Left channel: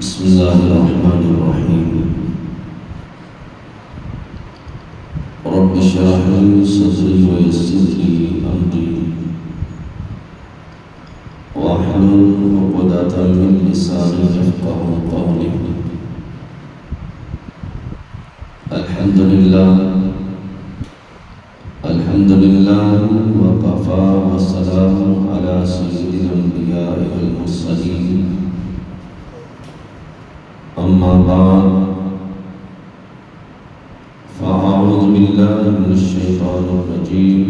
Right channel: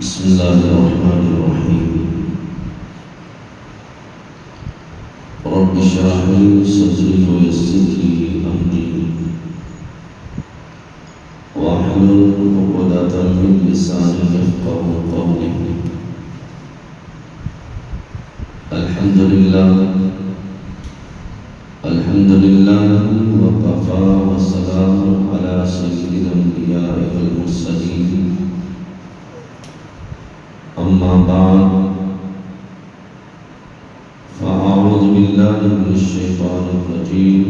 بسم الله الرحمن الرحيم. رب اشرح لي صدري ويسر لي أمري واحلل عقدة من لساني يفقهوا قولي. الحمد لله وكفى والسلام على سيد الأنبياء والمرسلين. أما بعد فأعوذ بالله من الشيطان الرجيم.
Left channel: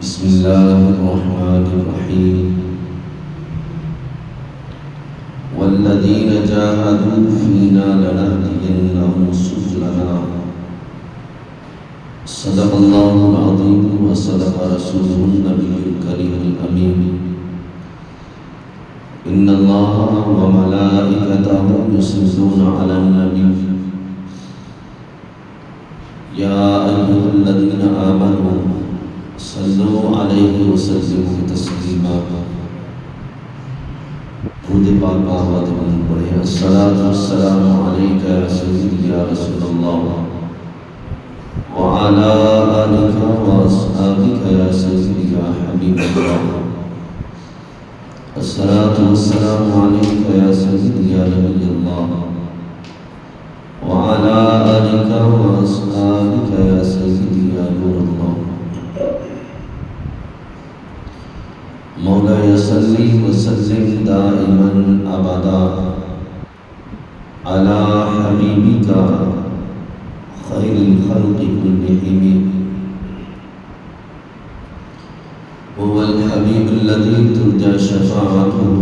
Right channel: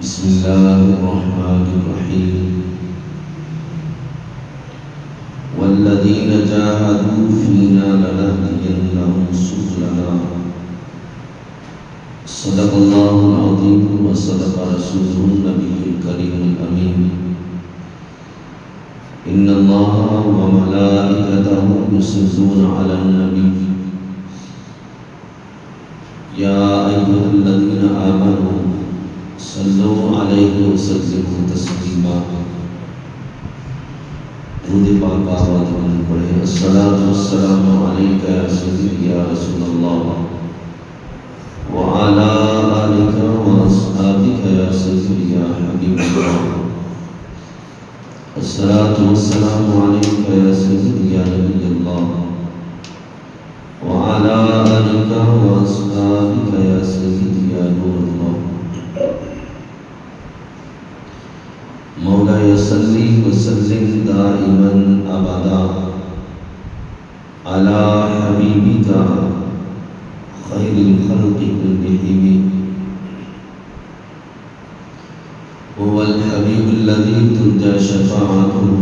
بسم الله الرحمن الرحيم. والذين جاهدوا فينا لنهدينهم سبلنا. صدق الله العظيم وصدق رسوله النبي الكريم الأمين. إن الله وملائكته يصلون على النبي يا أيها الذين آمنوا صلوا عليه وسلموا تسليما. درود پاک کا آواز بلند پڑھیں. الصلاۃ والسلام علیک یا سیدی یا رسول اللہ وعلى آلك وأصحابك يا سيدي يا حبيب الله. الصلاة والسلام عليك يا سيدي يا نبي الله وعلى آلك وأصحابك يا سيدي يا نور الله. مولاي صل وسلم دائما أبدا على حبيبك خير الخلق كلهم. هو الحبيب الذي ترجى شفاعته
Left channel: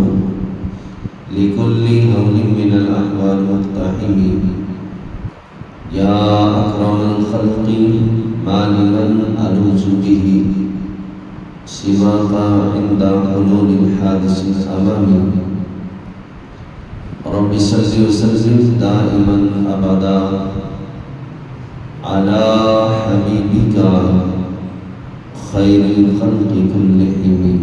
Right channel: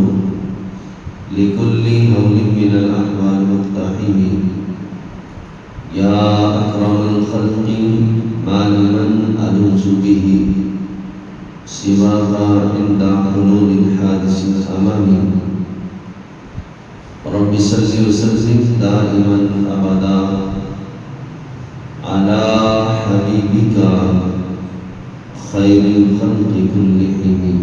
لكل هول من الأحوال مقتحم. يا أكرم الخلق ما لمن ألوذ به سواك عند حلول الحادث الأمامي. رب صل وسلم دائما أبدا على حبيبك خير الخلق كلهم.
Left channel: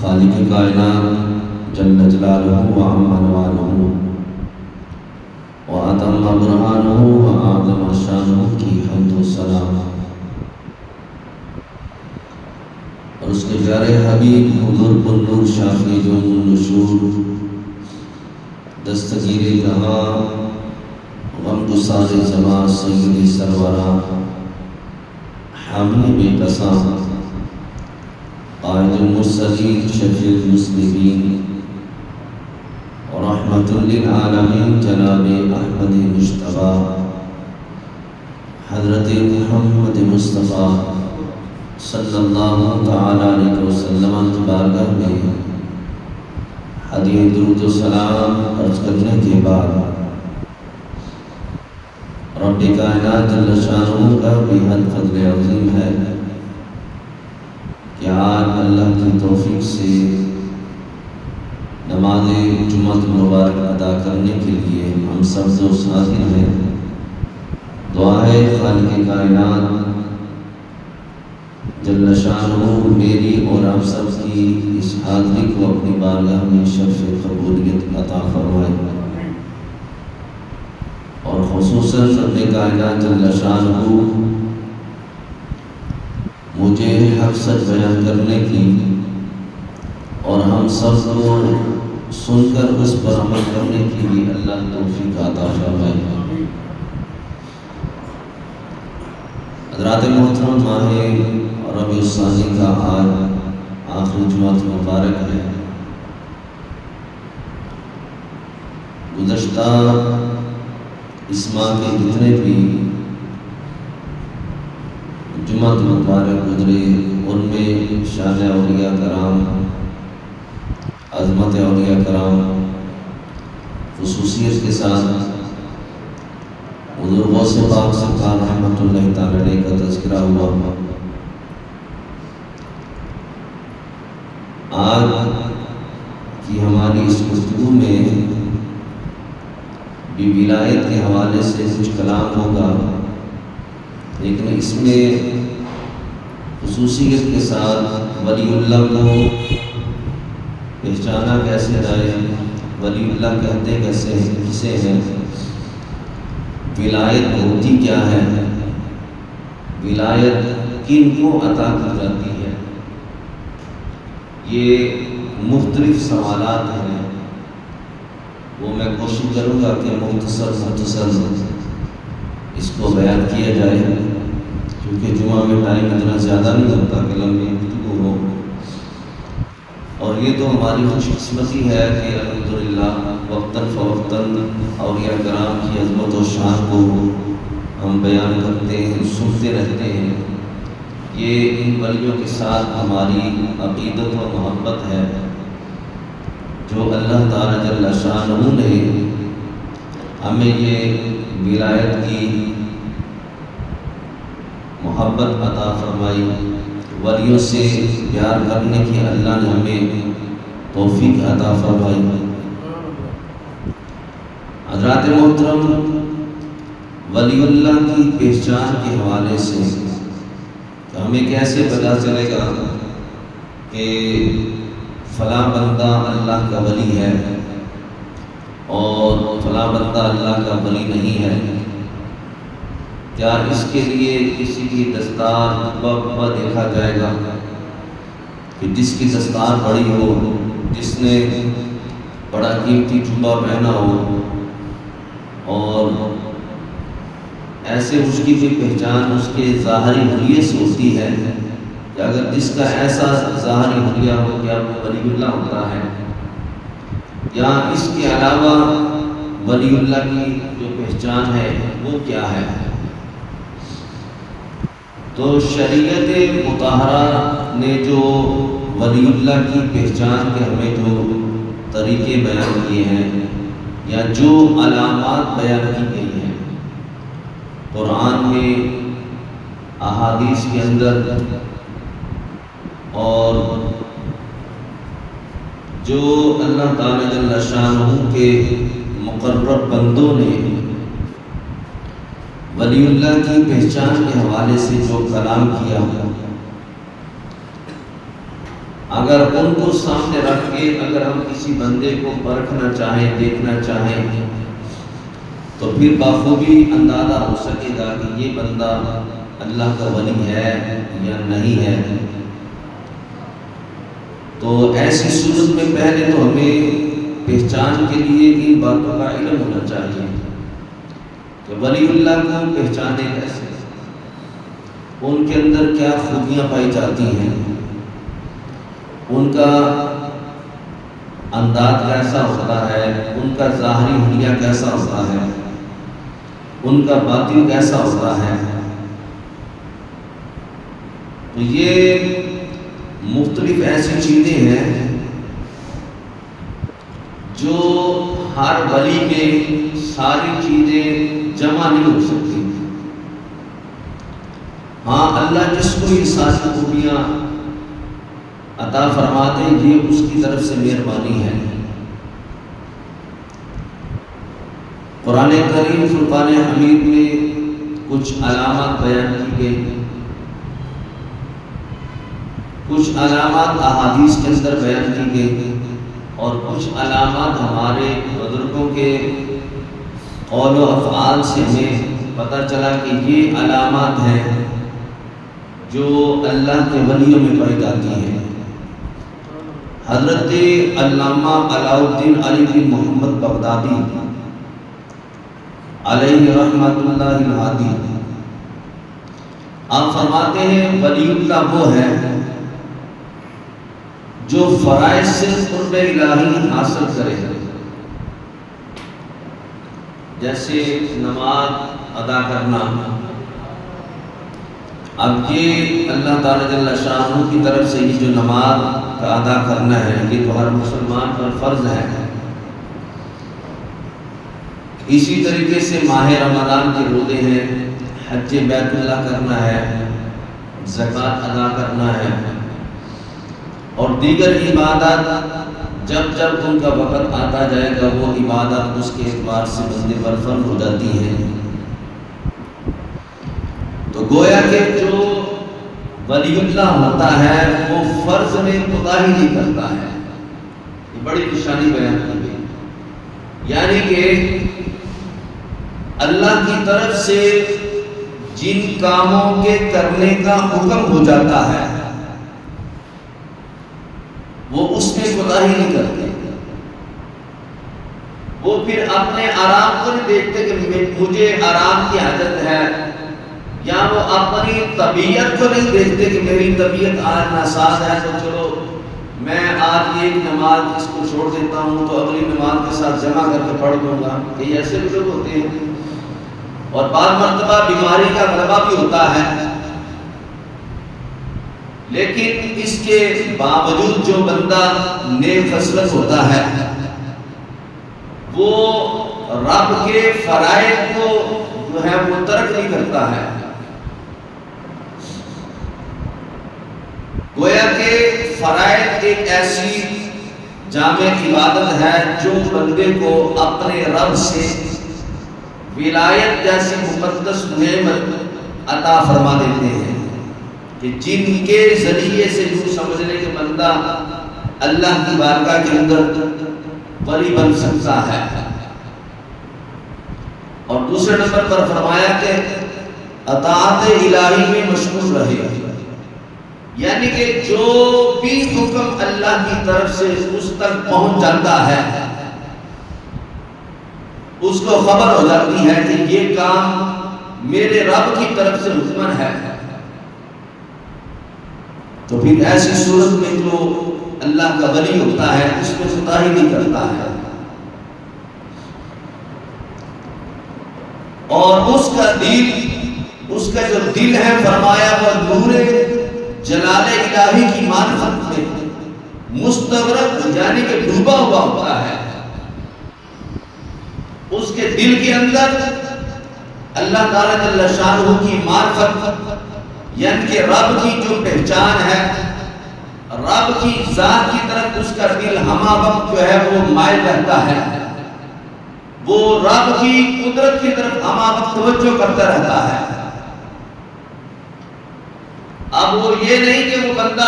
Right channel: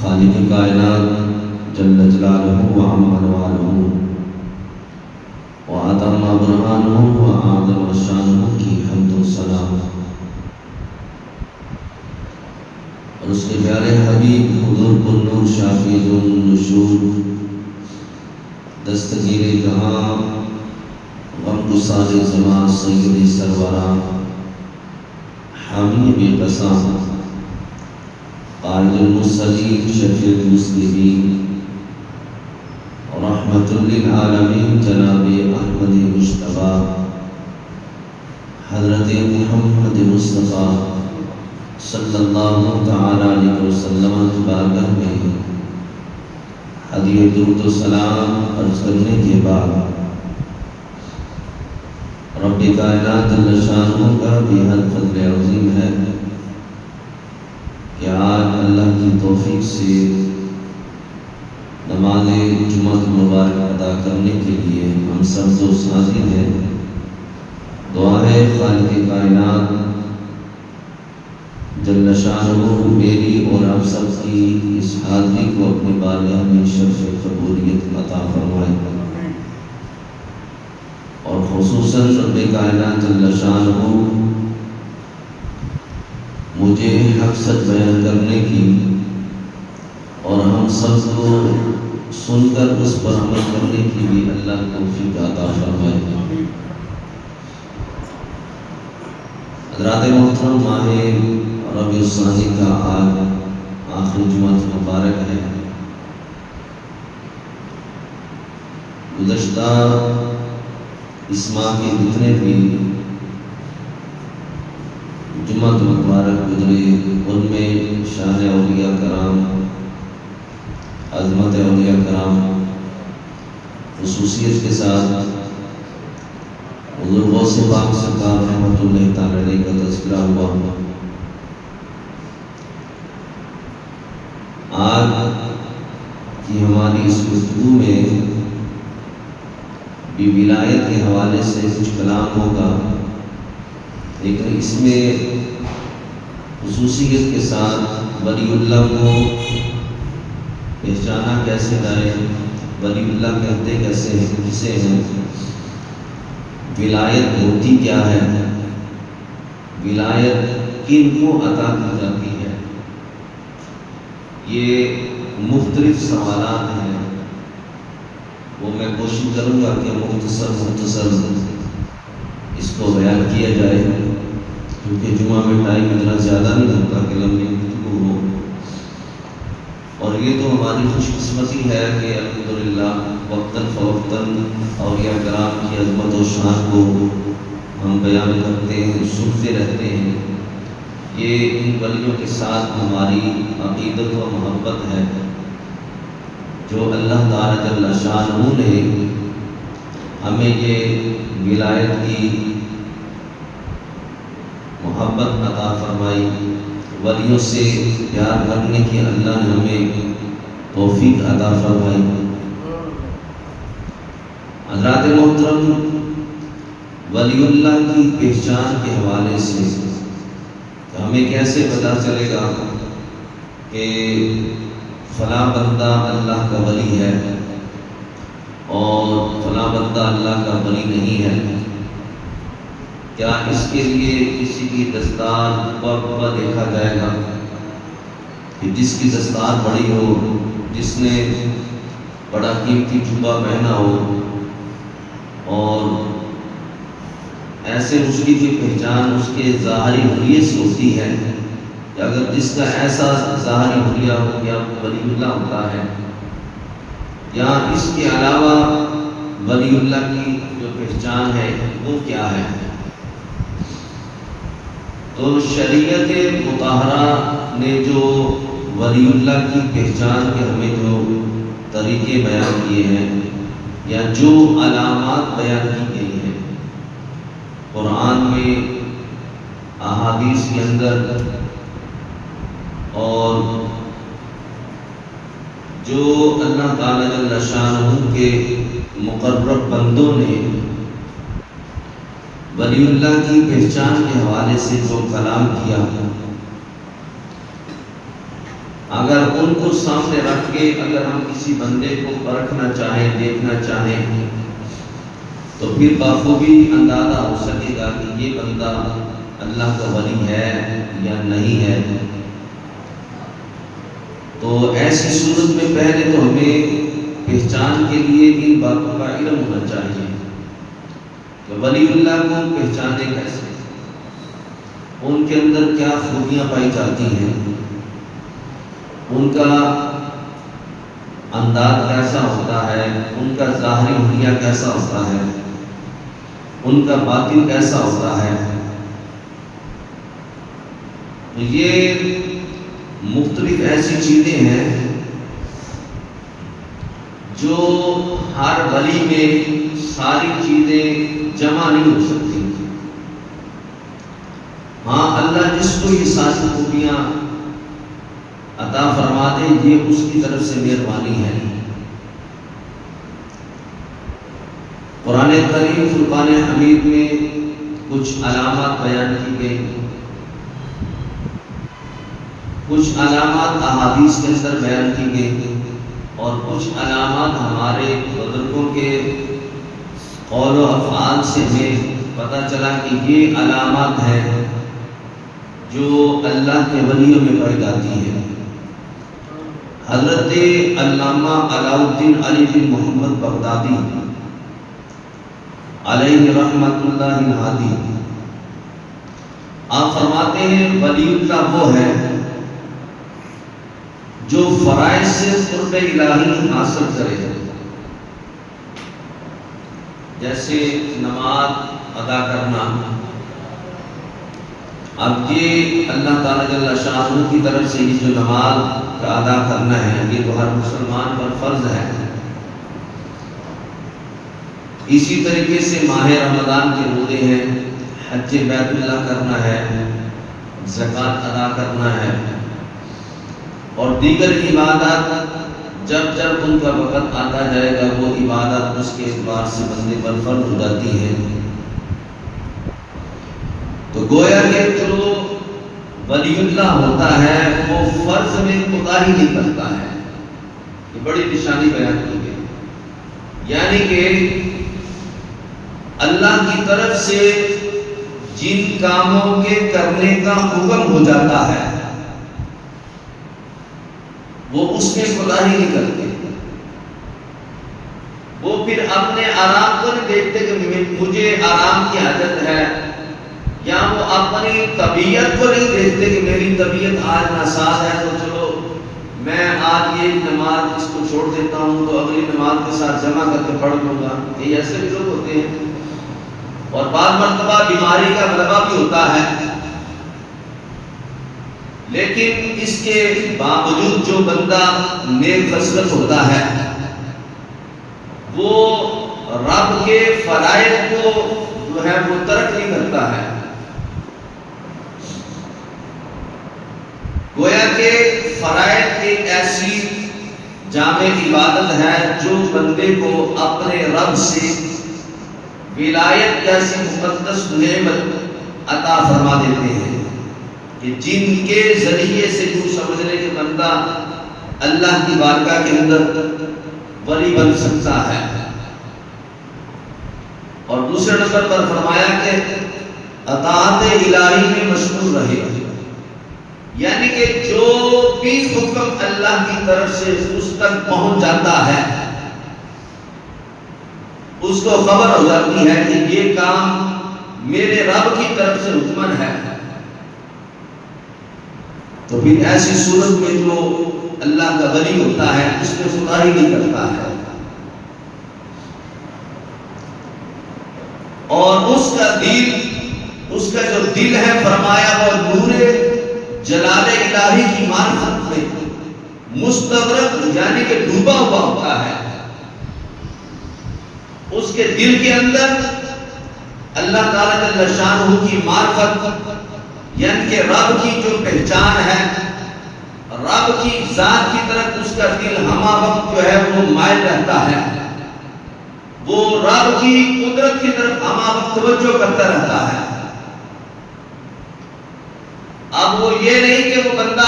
خالق کائنات جل جلالہ وعم انوارہ وعظم برہانہ وعظم شانہ کی حمد و ثنا اور اس کے پیارے حبیب حضور النور شافی النشور دستگیر جہاں غمگسار زمان سید سروران حامی بے قسام قائد المرسلین شفیع المسلمین رحمت للعالمین جناب احمد مجتبی حضرت محمد مصطفیٰ صلی اللہ تعالی علیہ وسلم کی بارگاہ میں ہدیہ درود و سلام عرض کرنے کے بعد رب کائنات جل شانہ کا بےحد فضل عظیم ہے کہ آج اللہ کی توفیق سے نماز جمعہ مبارک ادا کرنے کے لیے ہم سب دوست حاضر ہیں. دعا ہے خالق کائنات جل شانہ میری اور آپ سب کی اس حاضری کو اپنی بارگاہ میں شرف قبولیت عطا فرمائے اور خصوصاً رب کائنات جل شانہ مجھے حق سچ بیان کرنے کی اور ہم سب کو سن کر اس پر عمل کرنے کی بھی اللہ توفیق عطا فرمائے. حضرات محترم، ماہ ربیع الثانی کا آج آخری جمعہ مبارک ہے. گزشتہ اس ماہ کے جتنے بھی جمعہ مبارک گزرے ان میں شان اولیاء کرام، عظمت اولیاء کرام، خصوصیت کے ساتھ حضور غوث پاک سرکار رحمۃ اللہ تعالی علیہ کا تذکرہ ہوا. آج کی ہماری اس گفتگو میں بھی ولایت کے حوالے سے کچھ کلام ہوگا، لیکن اس میں خصوصیت کے ساتھ ولی اللہ کو پہچانا کیسے جائے، ولی اللہ کہتے کیسے کسے ہیں، ولایت ہوتی کیا ہے، ولایت کن کو عطا کی جاتی ہے، یہ مختلف سوالات ہیں، وہ میں کوشش کروں گا کہ مختصر اس کو بیان کیا جائے، کیونکہ جمعہ میں ٹائم اتنا زیادہ نہیں ہوتا کہ لمبی گفتگو ہو، اور یہ تو ہماری خوش قسمتی ہے کہ الحمدللہ وقتاً فوقتاً اولیاء کرام کی عظمت و شان کو ہم بیان کرتے ہیں، سنتے رہتے ہیں۔ یہ ان ولیوں کے ساتھ ہماری عقیدت و محبت ہے جو اللہ تعالی جل شانہ نے ہمیں یہ ولایت کی محبت عطا فرمائی، ولیوں سے پیار کرنے کی اللہ نے ہمیں توفیق عطا فرمائی۔ حضرات محترم، ولی اللہ کی پہچان کے حوالے سے ہمیں کیسے پتہ چلے گا کہ فلاں بندہ اللہ کا ولی ہے اور فلاں بندہ اللہ کا ولی نہیں ہے؟ کیا اس کے لیے کسی کی دستار پر دیکھا جائے گا کہ جس کی دستار بڑی ہو، جس نے بڑا قیمتی جبہ پہنا ہو، اور ایسے مشکل کی پہچان اس کے ظاہری حلیے سے ہوتی ہے کہ اگر جس کا ایسا ظاہری حلیہ ہو کیا وہ ولی اللہ ہوتا ہے، یا اس کے علاوہ ولی اللہ کی جو پہچان ہے وہ کیا ہے؟ تو شریعت مطہرہ نے جو ولی اللہ کی پہچان کے ہمیں جو طریقے بیان کیے ہیں یا جو علامات بیان کی گئی ہیں قرآن میں، احادیث کے اندر، اور جو اللہ تعالی جل شانہ کے مقرب بندوں نے ولی اللہ کی پہچان کے حوالے سے جو کلام کیا، اگر ان کو سامنے رکھ کے اگر ہم کسی بندے کو پرکھنا چاہیں، دیکھنا چاہیں، تو پھر بخوبی اندازہ ہو سکے گا کہ یہ بندہ اللہ کا ولی ہے یا نہیں ہے۔ تو ایسی صورت میں پہلے تو ہمیں پہچان کے لیے ان باتوں کا علم ہونا چاہیے کہ ولی اللہ کو پہچانے کیسے، ان کے اندر کیا خوبیاں پائی جاتی ہیں، ان کا انداز کیسا ہوتا ہے، ان کا ظاہری حلیہ کیسا ہوتا ہے، ان کا باطن کیسا ہوتا ہے۔ تو یہ مختلف ایسی چیزیں ہیں جو ہر ولی میں ساری چیزیں جمع نہیں ہو سکتی۔ ہاں، اللہ جس کو یہ ساری خوبیاں عطا فرما دے یہ اس کی طرف سے مہربانی ہے۔ قرآن کریم فرقان حمید میں کچھ علامات بیان کی گئی، کچھ علامات احادیث کے اندر بیان کی گئی، اور کچھ علامات ہمارے بزرگوں کے قول و افعال سے ہمیں پتہ چلا کہ یہ علامات ہیں جو اللہ کے ولیوں میں پائی جاتی ہیں۔ حضرت علامہ علاء الدین علی بن محمد بغدادی علیہ رحمۃ اللہ الہادی، آپ فرماتے ہیں ولی اللہ وہ ہے جو فرائض سے قرب الہی حاصل کرے، جیسے نماز ادا کرنا۔ اب یہ اللہ تعالی جل شانہ کی طرف سے یہ جو نماز کا ادا کرنا ہے یہ تو ہر مسلمان پر فرض ہے۔ اسی طریقے سے ماہ رمضان کے روزے ہیں، حج بیت اللہ کرنا ہے، زکوٰۃ ادا کرنا ہے، اور دیگر عبادات جب جب ان کا وقت آتا جائے گا وہ عبادت اس کے اعتبار سے بندے پر فرض ہو جاتی ہیں۔ تو گویا کہ جو ولی اللہ ہوتا ہے وہ فرض میں کوتاہی نہیں کرتا ہے. یہ بڑی نشانی بیان کی گئی، یعنی کہ اللہ کی طرف سے جن کاموں کے کرنے کا حکم ہو جاتا ہے وہ اس میں کوتاہی نہیں کرتے. وہ پھر اپنے آرام کو نہیں دیکھتے کہ مجھے آرام کی عادت ہے، یا وہ اپنی طبیعت کو نہیں دیکھتے کہ میری طبیعت آج ناساز ہے تو چلو میں آج یہ نماز اس کو چھوڑ دیتا ہوں تو اگلی نماز کے ساتھ جمع کر کے پڑھ لوں گا. یہ ایسے بھی لوگ ہوتے ہیں. اور بعض مرتبہ بیماری کا غلبہ بھی ہوتا ہے، لیکن اس کے باوجود جو بندہ نیک خصلت ہوتا ہے وہ رب کے فرائض کو جو ہے وہ ترک نہیں کرتا ہے. گویا کہ فرائض ایک ایسی جامع عبادت ہے جو بندے کو اپنے رب سے ولایت جیسی مقدس نعمت عطا فرما دیتے ہیں کہ جن کے ذریعے سے یوں سمجھ لے کہ بندہ اللہ کی بارگاہ کے اندر ولی بن سکتا ہے. اور دوسرے نمبر پر فرمایا کہ اطاعت الہی میں مشغول رہے، یعنی کہ جو بھی حکم اللہ کی طرف سے اس تک پہنچ جاتا ہے اس کو خبر ہو جاتی ہے کہ یہ کام میرے رب کی طرف سے حکم ہے، تو پھر ایسی صورت میں جو اللہ کا ولی ہوتا ہے اس میں کوتاہی نہیں کرتا ہے. اور اس کا جو دل ہے فرمایا وہ نور جلال الہی کی معرفت میں مستغرق یعنی کہ ڈوبا ہوا ہوتا ہے. اس کے دل کے اندر اللہ تعالیٰ جل شانہ کی معرفت یعنی کہ رب کی جو پہچان ہے، رب کی ذات کی طرف اس کا دل ہمہ وقت جو ہے وہ مائل رہتا ہے، وہ رب کی قدرت کی طرف ہمہ وقت توجہ کرتا رہتا ہے. اب وہ یہ نہیں کہ وہ بندہ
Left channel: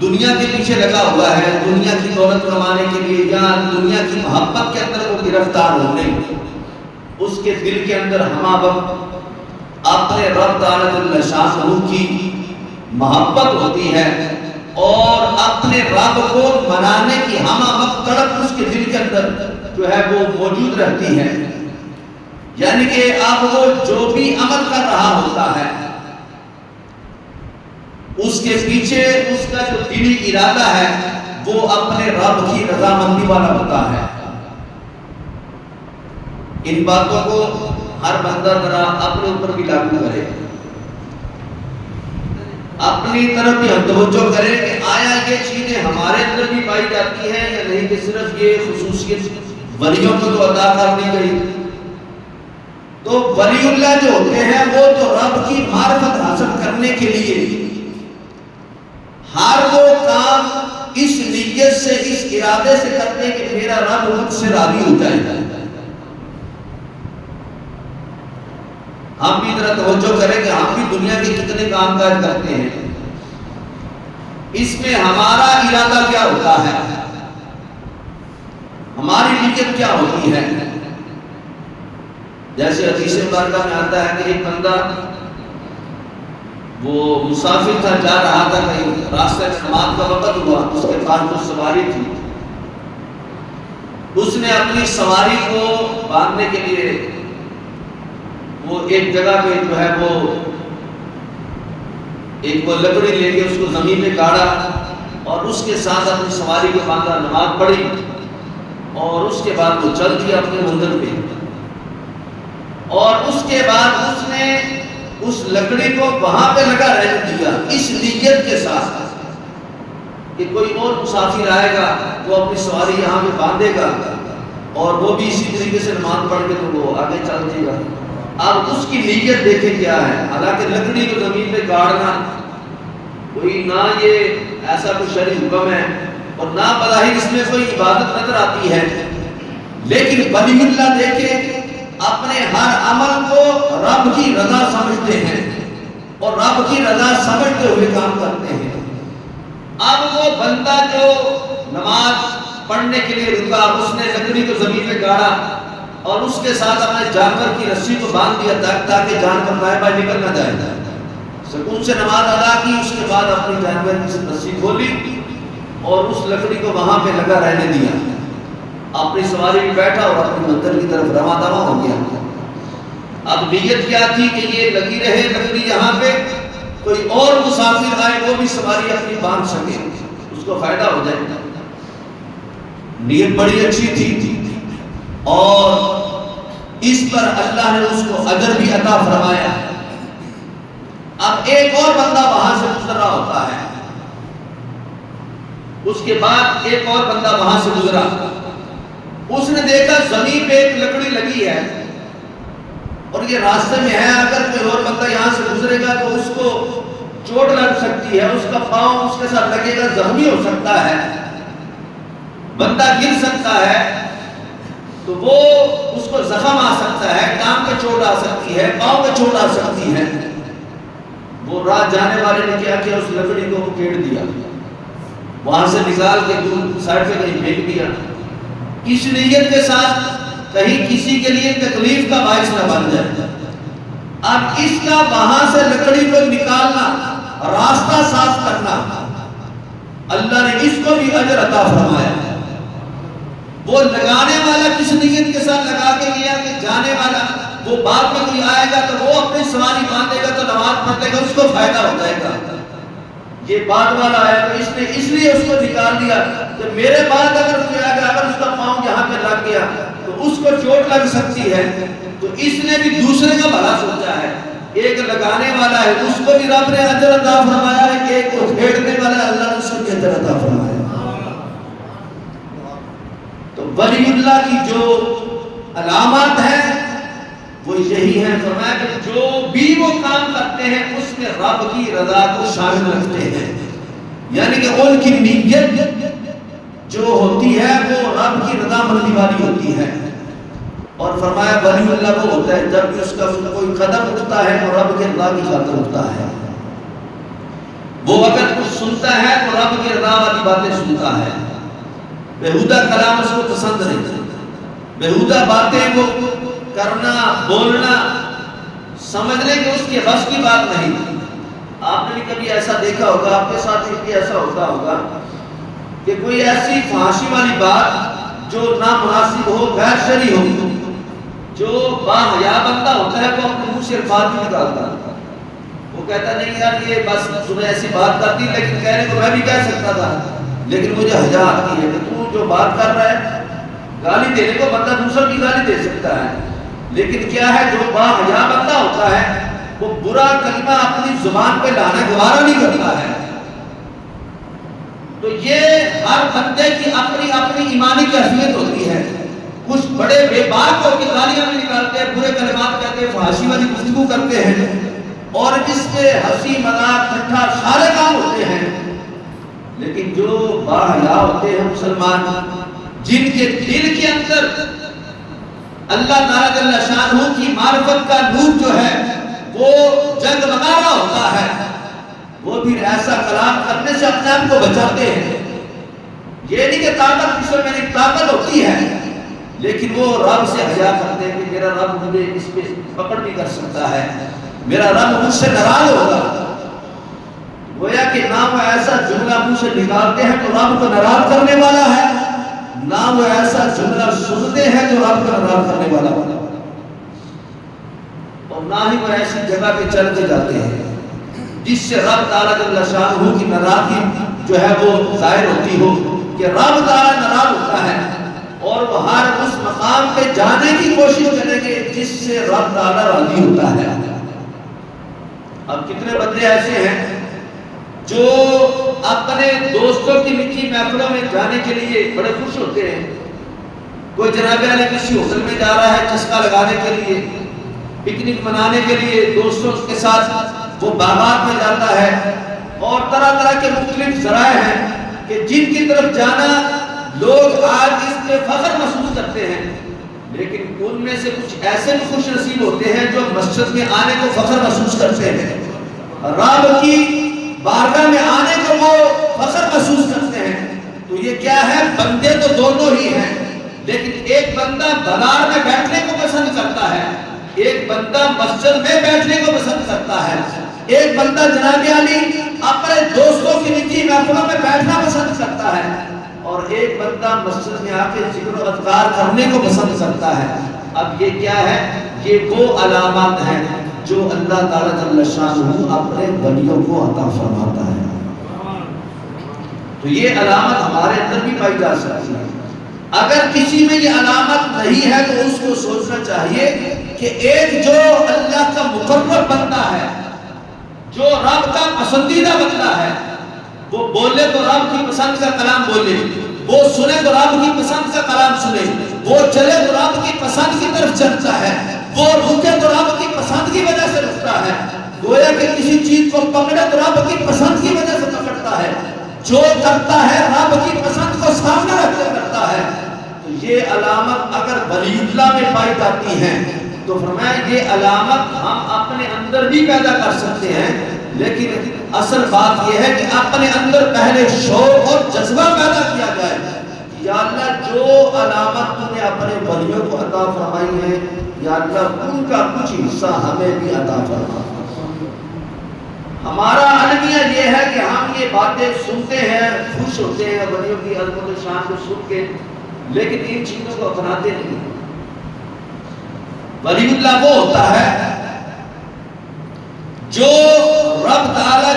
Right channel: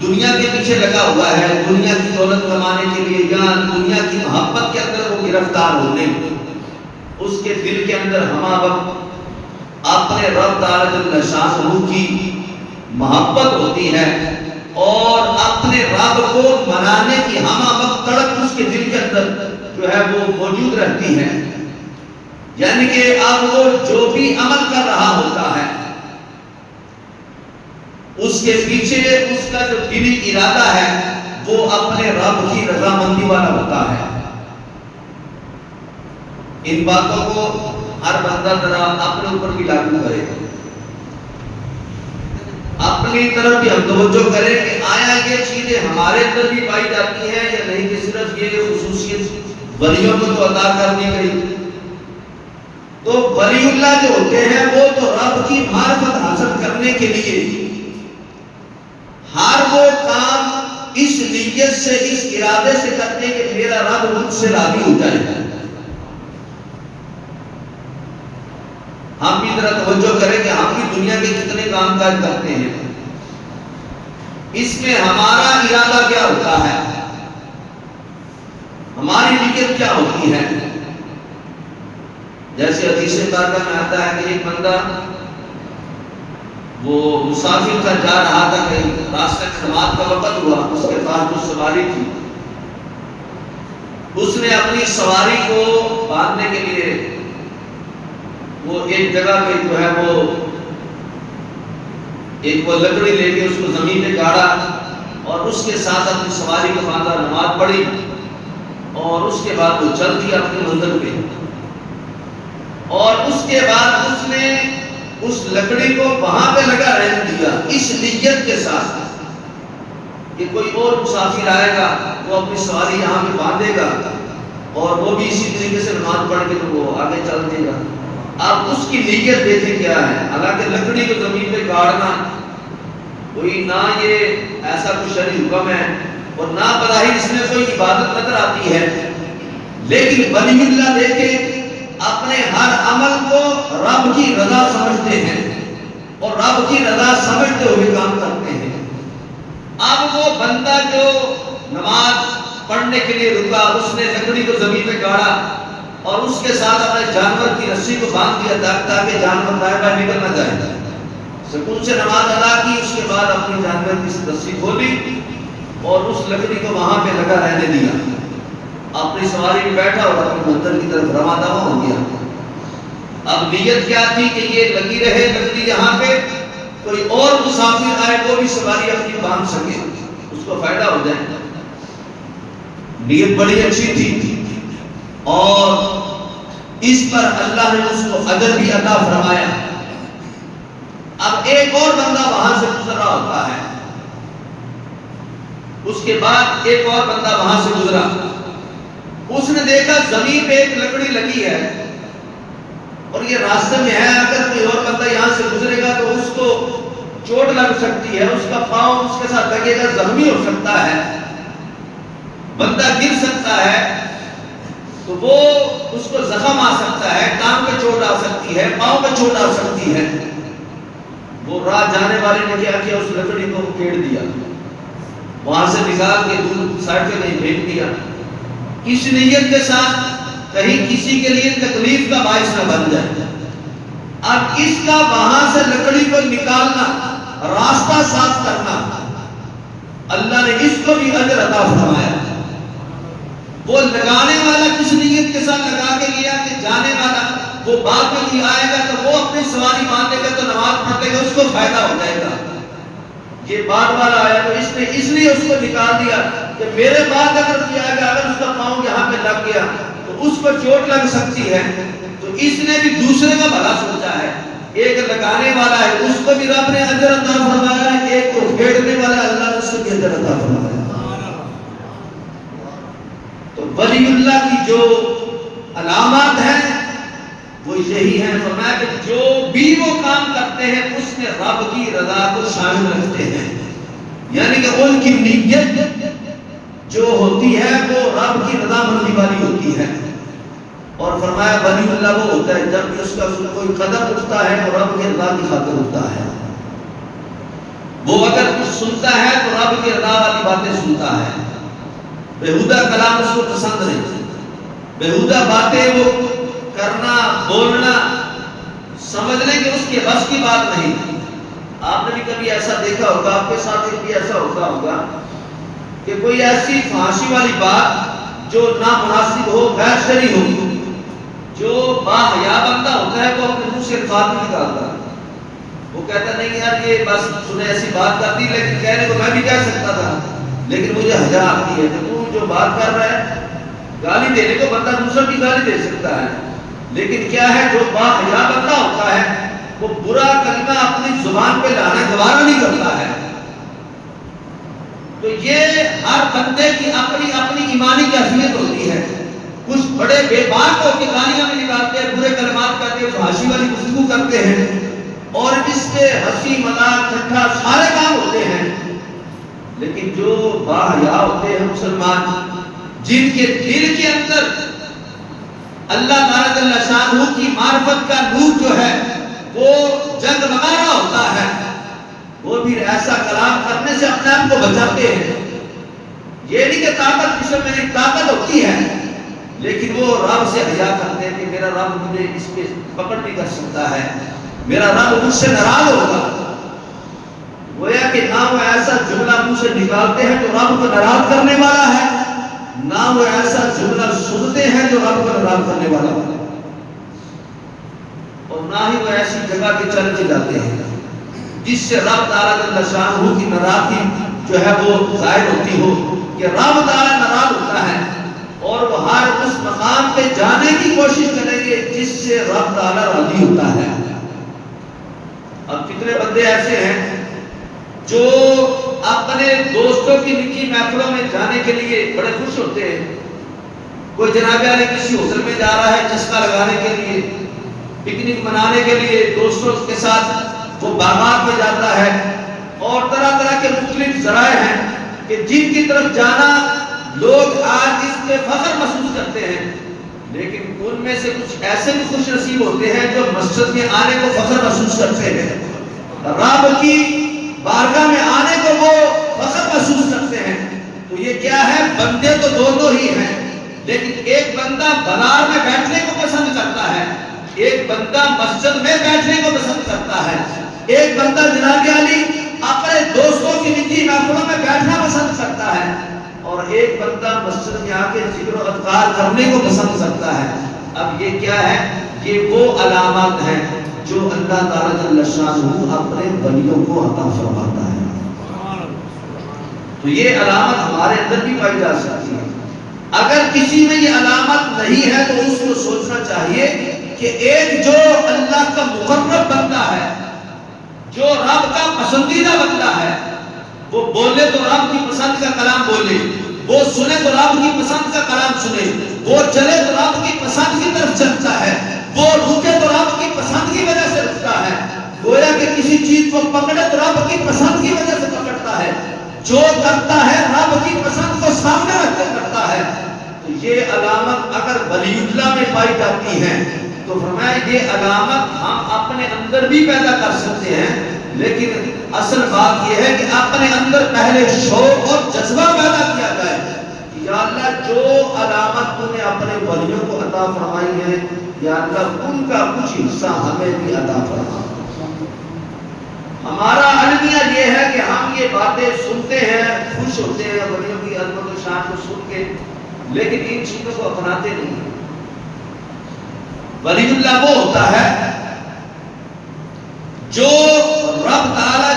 دنیا کے پیچھے لگا ہوا ہے، دنیا کی دولت کمانے کے لیے یا دنیا کی محبت کے اندر وہ گرفتار ہو، نہیں. اس کے دل کے اندر ہمہ وقت اپنے رب تعالیٰ جل شانہ کی محبت ہوتی ہے اور اپنے رب کو منانے کی ہمہ وقت تڑپ اس کے دل کے اندر جو ہے وہ موجود رہتی ہے. یعنی کہ اب وہ جو بھی عمل کر رہا ہوتا ہے اس کے پیچھے اس کا جو دلی ارادہ ہے وہ اپنے رب کی رضامندی والا ہوتا ہے. ان باتوں کو ہر بندہ ذرا اپنے اوپر بھی لاگو کرے، اپنی طرف بھی ہم توجہ کریں کہ آیا یہ چیزیں ہمارے اندر بھی پائی جاتی ہیں یا نہیں، کہ صرف یہ خصوصیت ولیوں کو تو عطا کر دی گئی. تو ولی اللہ جو ہوتے ہیں وہ تو رب کی معرفت حاصل کرنے کے لیے ہر وہ کام اس نیت سے اس ارادے سے کرتے کہ میرا رب مجھ سے راضی ہو جائے گا. ہم بھی ذرا توجہ کریں کہ ہم بھی دنیا کے کتنے کام کاج کرتے ہیں، اس میں ہمارا ارادہ کیا ہوتا ہے، ہماری نیت کیا ہوتی ہے. جیسے حدیث مبارکہ میں آتا ہے کہ ایک بندہ وہ مسافر تھا، جا رہا تھا کہیں، راستہ نماز کا وقت ہوا، اس کے پاس جو سواری تھی اس نے اپنی سواری کو باندھنے کے لیے وہ ایک جگہ پہ جو ہے وہ لکڑی لے کے اس کو زمین میں گاڑا اور اس کے ساتھ اپنی سواری کو باندھا، نماز پڑھی اور اس کے بعد وہ چل دیا اپنی منزل پہ. اور اس کے بعد اس نے اس لکڑی کو وہاں پہ لگا رہ دیا اس نیت کے ساتھ کہ کوئی اور مسافر آئے گا وہ اپنی سواری یہاں پہ باندھے گا اور وہ بھی اسی طریقے سے نماز پڑھ کے تو وہ آگے چل دے گا. اب اس کی نیت دیکھیں کیا ہے. حالانکہ لکڑی کو زمین پہ گاڑنا کوئی نہ یہ ایسا کوئی شرعی حکم ہے اور نہ بظاہر اس میں کوئی عبادت نظر آتی ہے، لیکن ولی اللہ دیکھے اپنے ہر عمل کو رب کی رضا سمجھتے ہیں اور رب کی رضا سمجھتے ہوئے کام کرتے ہیں۔ اب وہ بندہ جو نماز پڑھنے کے لیے رکا، اس نے لکڑی کو زمین میں گاڑا اور اس کے ساتھ اپنے جانور کی رسی کو باندھ دیا تاکہ جانور بائیں بائیں نکل نہ جائے۔ سکون سے نماز ادا کی، اس کے بعد اپنی جانور کی رسی کھولی اور اس لکڑی کو وہاں پہ لگا رہنے دیا، اپنی سواری میں بیٹھا اور اپنی منزل کی طرف رواں دواں ہو گیا۔ اب نیت کیا تھی کہ یہ لگی رہے لکڑی یہاں پہ، کوئی اور مسافر آئے وہ بھی سواری اپنی باندھ سکے، اس کو فائدہ ہو جائے۔ نیت بڑی اچھی تھی اور اس پر اللہ نے اس کو اجر بھی عطا فرمایا۔ اب ایک اور بندہ وہاں سے گزر رہا ہوتا ہے، اس کے بعد ایک اور بندہ وہاں سے گزرا، اس نے دیکھا زمین پہ ایک لکڑی لگی ہے اور یہ راستے میں ہے، اگر کوئی اور بندہ یہاں سے گزرے گا تو اس کو چوٹ لگ سکتی ہے، اس کا پاؤں اس کے ساتھ لگے گا، زخمی ہو سکتا ہے، بندہ گر سکتا ہے، تو وہ اس کو زخم آ سکتا ہے، ٹانگ پہ چوٹ آ سکتی ہے، پاؤں پہ چوٹ آ سکتی ہے۔ وہ راہ جانے والے نے کیا کیا، اس لکڑی کو کیڑ دیا، وہاں سے نکال کے دور سائڈ پہ کہیں پھینک دیا، اس نیت کے ساتھ کہیں کسی کے لیے تکلیف کا باعث نہ بن جائے۔ اب اس کا وہاں سے لکڑی کو نکالنا، راستہ صاف کرنا، اللہ نے اس کو بھی اجر عطا فرمایا۔ وہ لگانے والا کس نیت کے ساتھ لگا کے گیا کہ جانے والا وہ بعد میں کوئی آئے گا تو وہ اپنی سواری باندھے گا تو نماز پڑھ لے گا، اس کو فائدہ ہو جائے گا۔ یہ بعد والا آیا تو اس نے اس لیے اس کو نکال دیا کہ میرے بعد اگر کوئی آئے گا، اگر اس کا پاؤں یہاں پہ لگ گیا تو اس کو چوٹ لگ سکتی ہے، تو اس نے بھی دوسرے کا بھلا سوچا ہے۔ ایک لگانے والا ہے، اس کو بھی رب نے اجر عطا فرمایا ہے، ایک کو پھیرنے والا ہے، اللہ نے اس کو بھی اجر عطا فرمایا۔ تو ولی اللہ کی جو علامات ہیں وہ یہی ہیں، فرمایا کہ جو بھی وہ کام کرتے ہیں اس میں رب کی رضا کو شامل رکھتے ہیں، یعنی کہ ان کی نیت جو ہوتی ہے وہ رب کی رضا مندی والی ہوتی ہے۔ اور فرمایا ولی اللہ وہ ہوتا ہے جب اس کا کوئی قدم اٹھتا ہے تو رب کی رضا کی خاطر اٹھتا ہے، وہ اگر کچھ سنتا ہے تو رب کی رضا والی باتیں سنتا ہے، بےہودہ کلام اس کو پسند نہیں، بےہودہ باتیں وہ کرنا بولنا سمجھ لیں کہ اس کے بس کی بات نہیں۔ آپ نے بھی کبھی ایسا دیکھا ہوگا، آپ کے ساتھ بھی ایسا ہوتا ہوگا کہ کوئی ایسی فحاشی والی بات جو نامناسب ہو، غیر شرعی ہو، جو باحیا بندہ ہوتا ہے وہ اپنے منہ سے الفاظ نہیں نکالتا، وہ کہتا نہیں یار یہ بس تمہیں ایسی بات کرتی، لیکن کہنے کو میں بھی کہہ سکتا تھا لیکن مجھے حیا آتی ہے کہ تو جو بات کر رہا ہے، گالی دینے کو بندہ دوسرا بھی گالی دے سکتا ہے، لیکن کیا ہے جو باحیا بندہ ہوتا ہے وہ برا کلمہ اپنی زبان پہ لانا گوارا نہیں کرتا ہے۔ تو یہ ہر بندے کی اپنی اپنی ایمانی کیفیت ہوتی ہے، کچھ بڑے بے باک ہو کے گالیاں بھی نکالتے ہیں، برے کلمات کہتے ہیں، فحاشی والی گفتگو کرتے ہیں، اور اس پہ ہنسی مذاق ٹھٹھا سارے کام ہوتے ہیں، لیکن جو باحیا ہوتے ہیں مسلمان، جن کے دل کے اندر اللہ تعالیٰ جل شانہ کی معرفت کا نور جو ہے وہ جگمگا رہا ہوتا ہے، وہ بھی ایسا کلام کرنے سے اپنے آپ کو بچاتے ہیں۔ یہ نہیں کہ طاقت کسی میں نہیں، طاقت ہوتی ہے، لیکن وہ رب سے حیا کرتے ہیں کہ میرا رب مجھے اس پہ پکڑ نہیں کر سکتا ہے، میرا رب مجھ سے ناراض ہوگا۔ گویا کہ نہ وہ ایسا جملہ منہ سے نکالتے ہیں تو رب کو ناراض کرنے والا ہے، نہ وہ ایسا جملہ سنتے ہیں جو رب کو ناراض کرنے والا ہے، اور نہ ہی وہ ایسی جگہ پہ چل کے جاتے ہیں جس سے رب تعالیٰ جل شانہ کی ناراضگی جو ہے وہ ظاہر ہوتی ہو، کہ رب تعالیٰ ناراض ہوتا ہے اور وہ ہر اس مقام پہ جانے کی کوشش کریں گے جس سے رب تعالیٰ راضی ہوتا ہے۔ اب کتنے بندے ایسے ہیں جو اپنے دوستوں کی نکی محفلوں میں جانے کے لیے بڑے خوش ہوتے ہیں، کوئی جناب علی کسی ہوٹل میں جا رہا ہے چسکا لگانے کے لیے، پکنک منانے کے لیے دوستوں کے ساتھ وہ باغات میں جاتا ہے، اور طرح طرح کے مختلف ذرائع ہیں کہ جن کی طرف جانا لوگ آج اس پہ فخر محسوس کرتے ہیں، لیکن ان میں سے کچھ ایسے بھی خوش نصیب ہوتے ہیں جو مسجد میں آنے کو فخر محسوس کرتے ہیں۔ رب کی بارگاہ میں آنے کو وہ فخر محسوس کرتے ہیں. تو یہ کیا ہے؟ بندے تو دونوں ہی ہیں، لیکن ایک بندہ بازار میں بیٹھنے کو پسند کرتا ہے، ایک بندہ مسجد میں بیٹھنے کو پسند کرتا ہے، ایک بندہ جناب علی اپنے دوستوں کی نجی محفلوں میں بیٹھنا پسند کرتا ہے، اور ایک بندہ مسجد میں آ کے ذکر و اذکار کرنے کو پسند کرتا ہے. اب یہ کیا ہے؟ یہ وہ علامات ہیں جو اللہ تعالیٰ جل شانہ اپنے ولیوں کو عطا فرماتا ہے. تو یہ علامت ہمارے اندر بھی پائی جا سکتی ہے. اگر کسی میں یہ علامت نہیں ہے تو اس کو سوچنا چاہیے کہ ایک جو اللہ کا مقرب بندہ ہے، جو رب کا پسندیدہ بندہ ہے، وہ بولے تو رب کی پسند کا کلام بولے، وہ سنے تو رب کی پسند کا کلام سنے، وہ چلے تو رب کی پسند کی طرف چلتا ہے، وہ رکے تو رب کی پسند کی وجہ سے رکتا ہے، گویا کہ کسی چیز کو پکڑے تو رب کی پسند کی وجہ سے پکڑتا ہے، جو کرتا ہے رب کی پسند کو سامنے رکھ کے کرتا ہے. تو یہ علامت اگر ولی اللہ میں پائی جاتی ہے تو فرمایا یہ علامت ہم اپنے اندر بھی پیدا کر سکتے ہیں، لیکن اصل بات یہ ہے کہ اپنے اندر پہلے شوق اور جذبہ پیدا کیا جائے کہ یا اللہ جو علامت تو نے اپنے ولیوں کو عطا فرمائی ہے، یا اللہ ان کا کچھ حصہ ہمیں بھی عطا فرما. ہمارا المیہ یہ ہے کہ ہم یہ باتیں سنتے ہیں، خوش ہوتے ہیں ولیوں کی عظمت و شان کو سن کے، لیکن ان چیزوں کو اپناتے نہیں. ولی اللہ وہ ہوتا ہے جو رب تعالی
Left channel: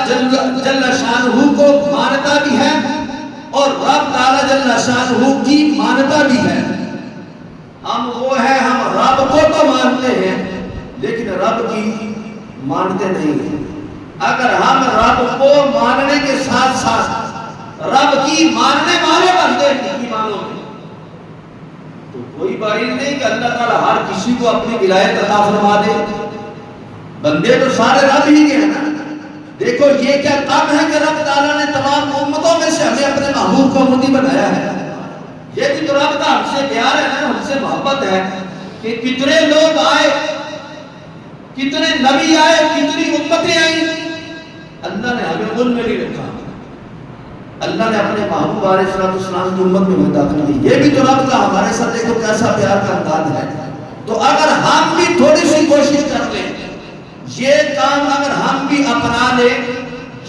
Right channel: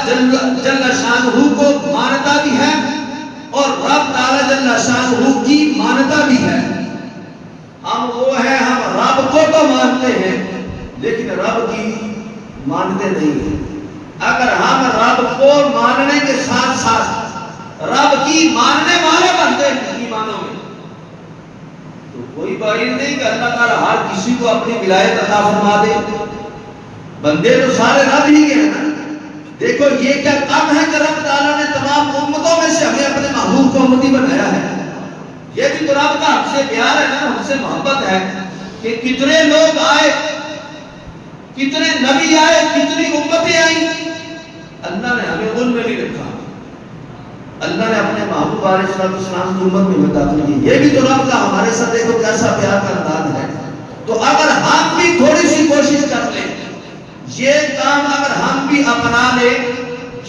جل شانہ کو مانتا بھی ہے اور رب تعالی جل شانہ کی مانتا بھی ہے. ہم وہ ہیں، ہم رب کو تو مانتے ہیں لیکن رب کی مانتے نہیں ہیں. اگر ہم رب کو ماننے کے ساتھ ساتھ رب کی ماننے والے بنتے ہیں ایمانوں میں، تو کوئی بعید نہیں کہ اللہ تعالیٰ ہر کسی کو اپنی ولایت عطا فرما دے. بندے تو سارے رب ہی کے ہیں نا. دیکھو یہ کیا کام ہے کہ رب تعالیٰ نے تمام امتوں میں سے ہمیں اپنے محبوب کو امتی بنایا ہے. یہ بھی تو رب کا ہم سے پیار ہے نا، ہم سے محبت ہے کہ کتنے لوگ آئے، کتنے نبی آئے، کتنی امتیں آئیں، اللہ نے ہمیں ان میں نہیں رکھا. اللہ نے اپنے محبوب علیہ السلام کی امت میں داخل کی. یہ بھی تو رب کا ہمارے ساتھ دیکھو کیسا پیار کا انداز ہے. تو اگر ہم بھی تھوڑی سی کوشش کر لیں، یہ کام اگر ہم بھی اپنا لیں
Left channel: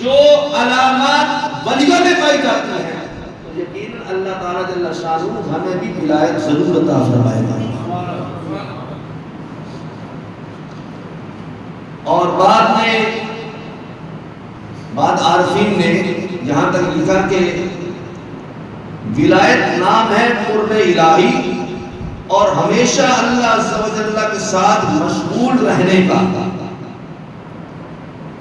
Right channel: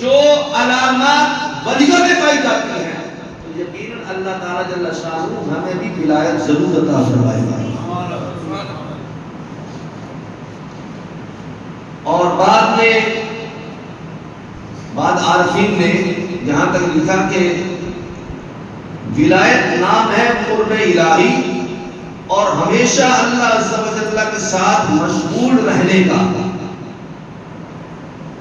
جو علامات ولیوں میں پائی جاتی ہیں، تو یقیناً اللہ تعالیٰ جل شانہ ہمیں بھی ولایت ضرور عطا فرمائے گا. اور بعد عارفین نے یہاں تک لکھا کہ ولایت نام ہے قرب الہی اور ہمیشہ اللہ عز و جل کے ساتھ مشغول رہنے کا،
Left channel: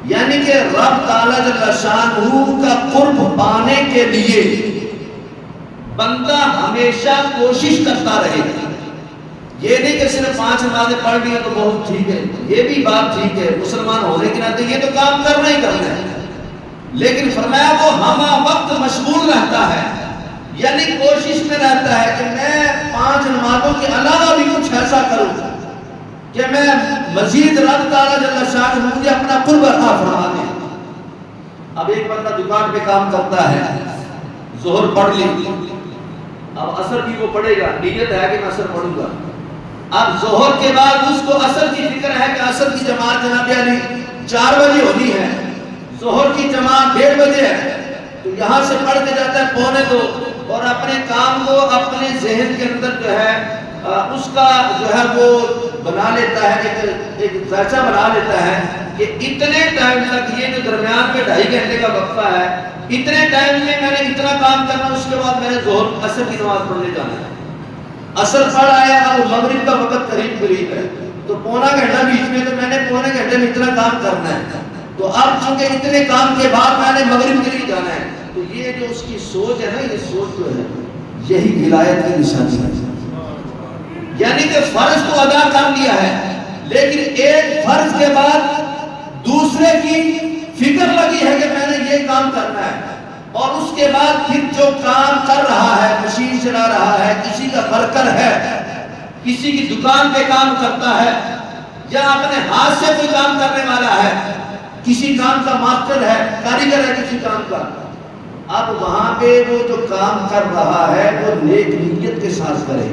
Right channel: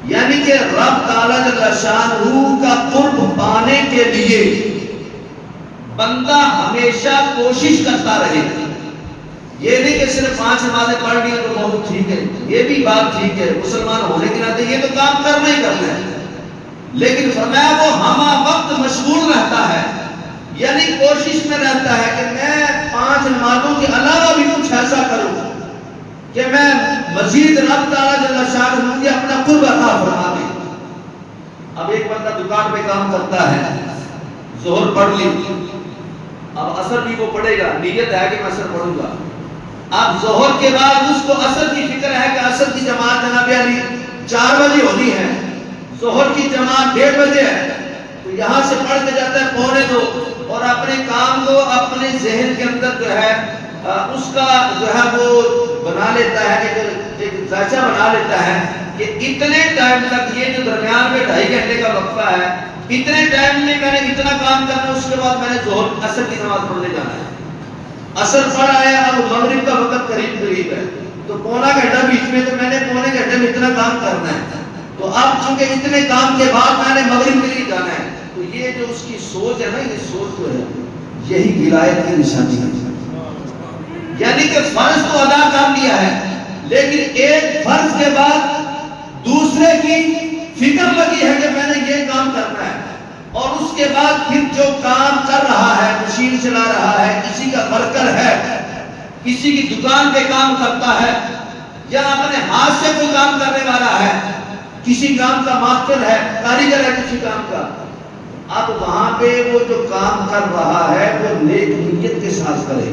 یعنی کہ رب تعالی جل شانہ کا قرب پانے کے لیے بندہ ہمیشہ کوشش کرتا رہے. یہ نہیں کہ صرف 5 نمازیں پڑھ لی تو بہت ٹھیک ہے، یہ بھی بات ٹھیک ہے، مسلمان ہونے کے ناطے یہ تو کام کرنا ہی کرنا ہے، لیکن فرمایا وہ ہمہ وقت مشغول رہتا ہے، یعنی کوشش میں رہتا ہے کہ میں 5 نمازوں کے علاوہ بھی کچھ ایسا کروں کہ میں مزید رب تعالیٰ جل شانہ مجھے اپنا قرب عطا فرما دے. اب ایک بندہ دکان پہ کام کرتا ہے، ظہر پڑھ لی، اب عصر بھی وہ پڑھے گا، نیت ہے کہ میں عصر پڑھوں گا. اب ظہر کے بعد اس کو عصر کی فکر ہے کہ عصر کی جماعت جناب علی 4 بجے ہونی ہے، ظہر کی جماعت 1:30 بجے ہے، تو یہاں سے پڑھ کے جاتا ہے 1:45 اور اپنے کام کو اپنے ذہن کے اندر جو ہے اس کا جو ہے وہ بنا لیتا ہے، ایک ذائچہ بنا لیتا ہے کہ اتنے ٹائم تک یہ جو درمیان میں 2.5 گھنٹے کا وقفہ ہے، اتنے ٹائم میں میں نے اتنا کام کرنا، اس کے بعد میں نے ظہر عصر کی نماز پڑھنے جانا ہے. عصر پڑھ آیا، اب مغرب کا وقت قریب ہے تو 1.25 گھنٹہ بیچ میں، تو میں نے 1.25 گھنٹے میں اتنا کام کرنا ہے. تو اب چونکہ اتنے کام کے بعد میں نے مغرب کے لیے جانا ہے، تو یہ جو اس کی سوچ ہے نا، یہ سوچ جو ہے یہی ولایت کی نشانی ہے. یعنی کہ فرض تو ادا کر لیا ہے، لیکن ایک فرض کے بعد دوسرے کی فکر لگی ہے کہ میں نے یہ کام کرنا ہے، اور اس کے بعد پھر جو کام کر رہا ہے، مشین چلا رہا ہے، کسی کا ورکر ہے، کسی کی دکان پہ کام کرتا ہے، یا اپنے ہاتھ سے کوئی کام کرنے والا ہے، کسی کام کا ماسٹر ہے، کاریگر ہے کسی کام کا، اب وہاں پہ وہ جو کام کر رہا ہے وہ نیک نیت کے ساتھ کرے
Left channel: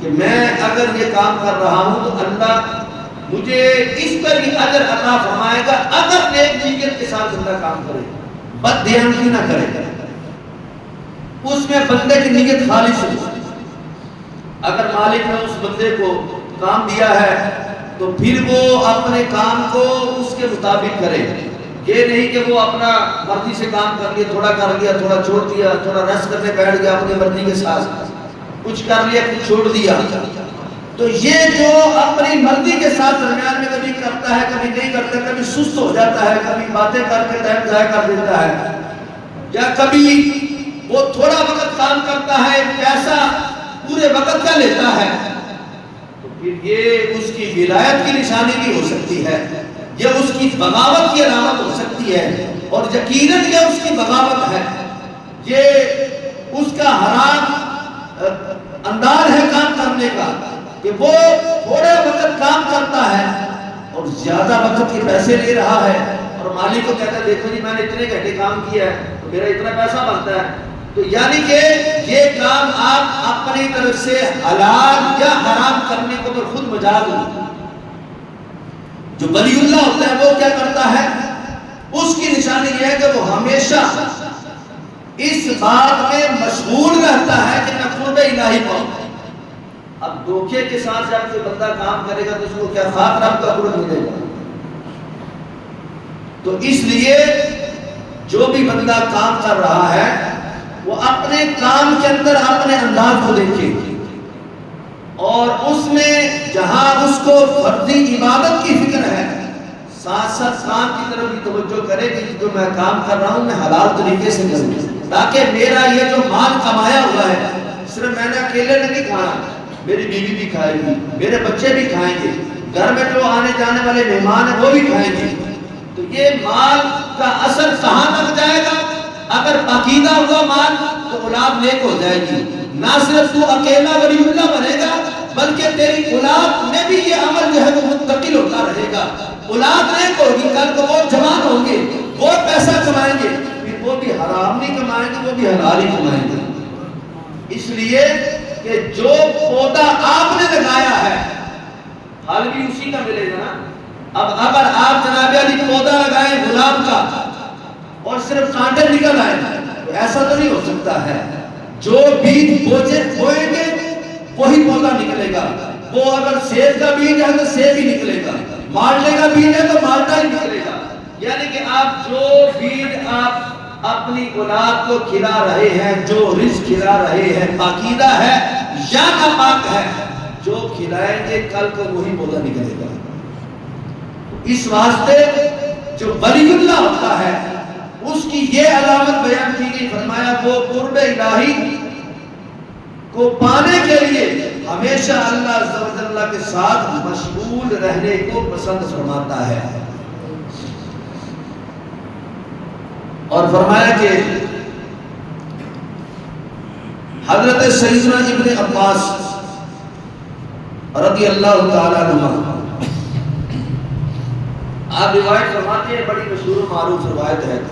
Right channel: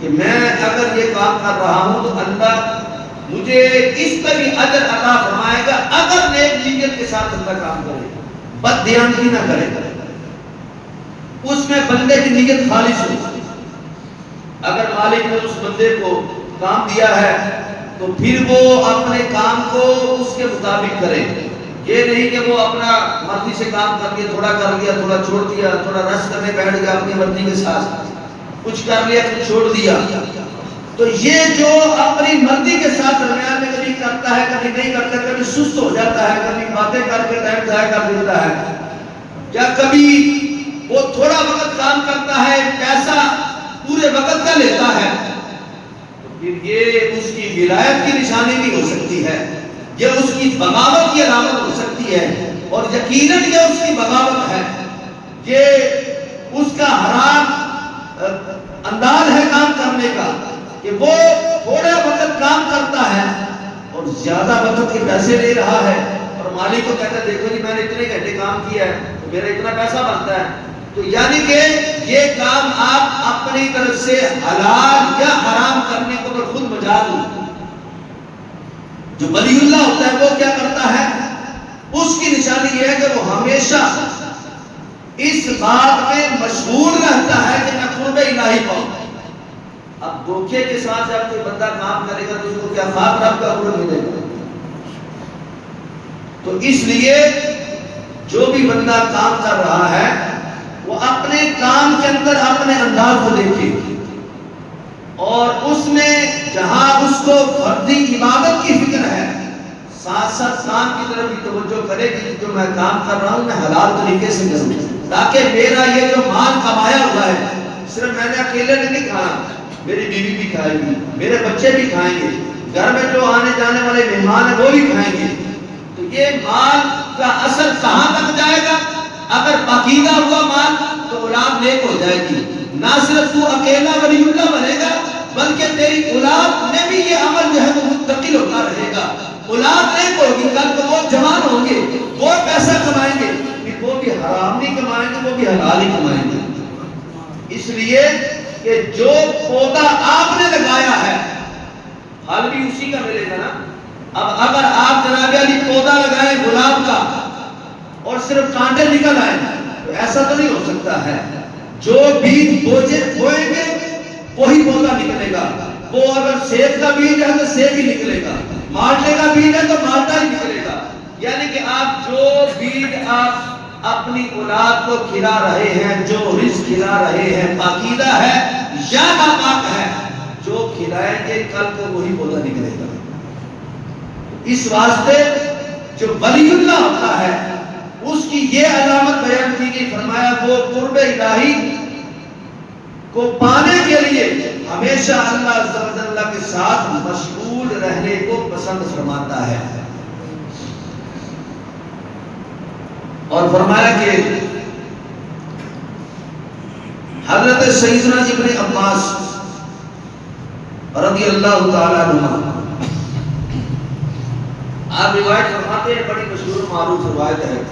کہ میں اگر یہ کام کر رہا ہوں تو اللہ مجھے اس پر بھی اجر عطا فرمائے گا اگر نیک نیت کے ساتھ بندہ کام کرے، بد دیانتی نہ کرے، اس میں بندے کی نیت خالص ہو۔ اگر مالک نے اس بندے کو کام دیا ہے تو پھر وہ اپنے کام کو اس کے مطابق کرے، یہ نہیں کہ وہ اپنا مرضی سے کام کر لیا، تھوڑا کر لیا تھوڑا چھوڑ دیا، تھوڑا رس کرنے بیٹھ گیا اپنی مرضی کے ساتھ، کچھ کر لیا کچھ چھوڑ دیا۔ تو یہ جو اپنی مرضی کے ساتھ درمیان میں کبھی کرتا ہے کبھی نہیں کرتا، کبھی سست ہو جاتا ہے، کبھی باتیں کر کے ٹائم ضائع کر دیتا ہے، یا کبھی وہ تھوڑا وقت کام کرتا ہے پیسہ پورے وقت کا لیتا ہے، تو پھر یہ اس کی ولایت کی نشانی بھی ہو سکتی ہے، یہ اس کی بغاوت کی علامت ہو سکتی ہے، اور یقیناً یہ اس کی بغاوت ہے، یہ اس کا حرام انداز ہے کام کرنے کا کہ وہ تھوڑا وقت کام کرتا ہے اور زیادہ وقت کے پیسے لے رہا ہے، اور مالک کو کہتا ہے دیکھو جی میں نے اتنے گھنٹے کام کیا ہے تو میرا اتنا پیسہ بنتا ہے۔ تو یعنی کہ یہ کام آپ اپنی طرف سے حلال یا حرام کرنے کو تو خود مجال ہو۔ جو ولی اللہ ہوتا ہے وہ کیا کرتا ہے، اس کی نشانی یہ ہے کہ وہ ہمیشہ اس بات میں مشغول رہتا ہے کہ میں قرب الہی پاؤں۔ اب دھوکے کے ساتھ جب کوئی بندہ کام کرے گا تو اس کو کیا خاک رب کا قرب ملے گا؟ تو اس لیے جو بھی بندہ کام کر رہا ہے وہ اپنے کام کے اندر اپنے انداز کو دیکھے، اور اس میں جہاں اس کو فرضی عبادت کی فکر ہے ساتھ ساتھ کام کی طرف بھی توجہ کرے کہ جو میں کام کر رہا ہوں میں حلال طریقے سے کروں، تاکہ میرا یہ جو مال کمایا ہوا ہے صرف میں نے اکیلے نے نہیں کھانا، میری بیوی بھی کھائے گی، میرے بچے بھی کھائیں گے، گھر میں جو آنے جانے والے مہمان ہیں وہ بھی کھائیں گے۔ تو یہ مال کا اثر کہاں تک جائے گا؟ اگر پاکیزہ ہوا مال تو اولاد نیک ہو جائے گی، نہ صرف تو اکیلا ولی اللہ بنے گا بلکہ تیری اولاد میں بھی یہ عمل جو ہے وہ منتقل ہوتا رہے گا، اولاد نیک ہوگی، کل کو وہ جوان ہوں گے، وہ پیسہ کمائیں گے، پھر وہ بھی حرام نہیں کمائیں گے، وہ بھی حلال ہی کمائیں گے۔ اس لیے کہ جو پودا آپ نے لگایا ہے پھل بھی اسی کا ملے گا نا۔ اب اگر آپ جناب علی پودا لگائیں گلاب کا اور صرف کانٹے نکل آئے تو ایسا تو نہیں ہو سکتا ہے، جو بیج بوئیں گے وہی پودا نکلے گا، وہ اگر سیب کا بیج ہے تو سیب ہی نکلے گا، مالٹے کا بیج ہے تو مالٹا ہی نکلے گا۔ یعنی کہ آپ جو بیج آپ اپنی اولاد کو کھلا رہے ہیں، جو رزق کھلا رہے ہیں پاکیزہ ہے یا ناپاک ہے، جو کھلائیں گے کل کو وہی پودا نکلے گا۔ اس واسطے جو ولی اللہ ہوتا ہے اس کی یہ علامت بیان کی گئی، فرمایا وہ قرب الہی کو پانے کے لیے ہمیشہ اللہ عز و جل کے ساتھ مشغول رہنے کو پسند فرماتا ہے۔ اور فرمایا کہ حضرت سیدنا ابن عباس رضی اللہ تعالیٰ عنہ آپ روایت فرماتے ہیں، بڑی مشہور و معروف روایت ہے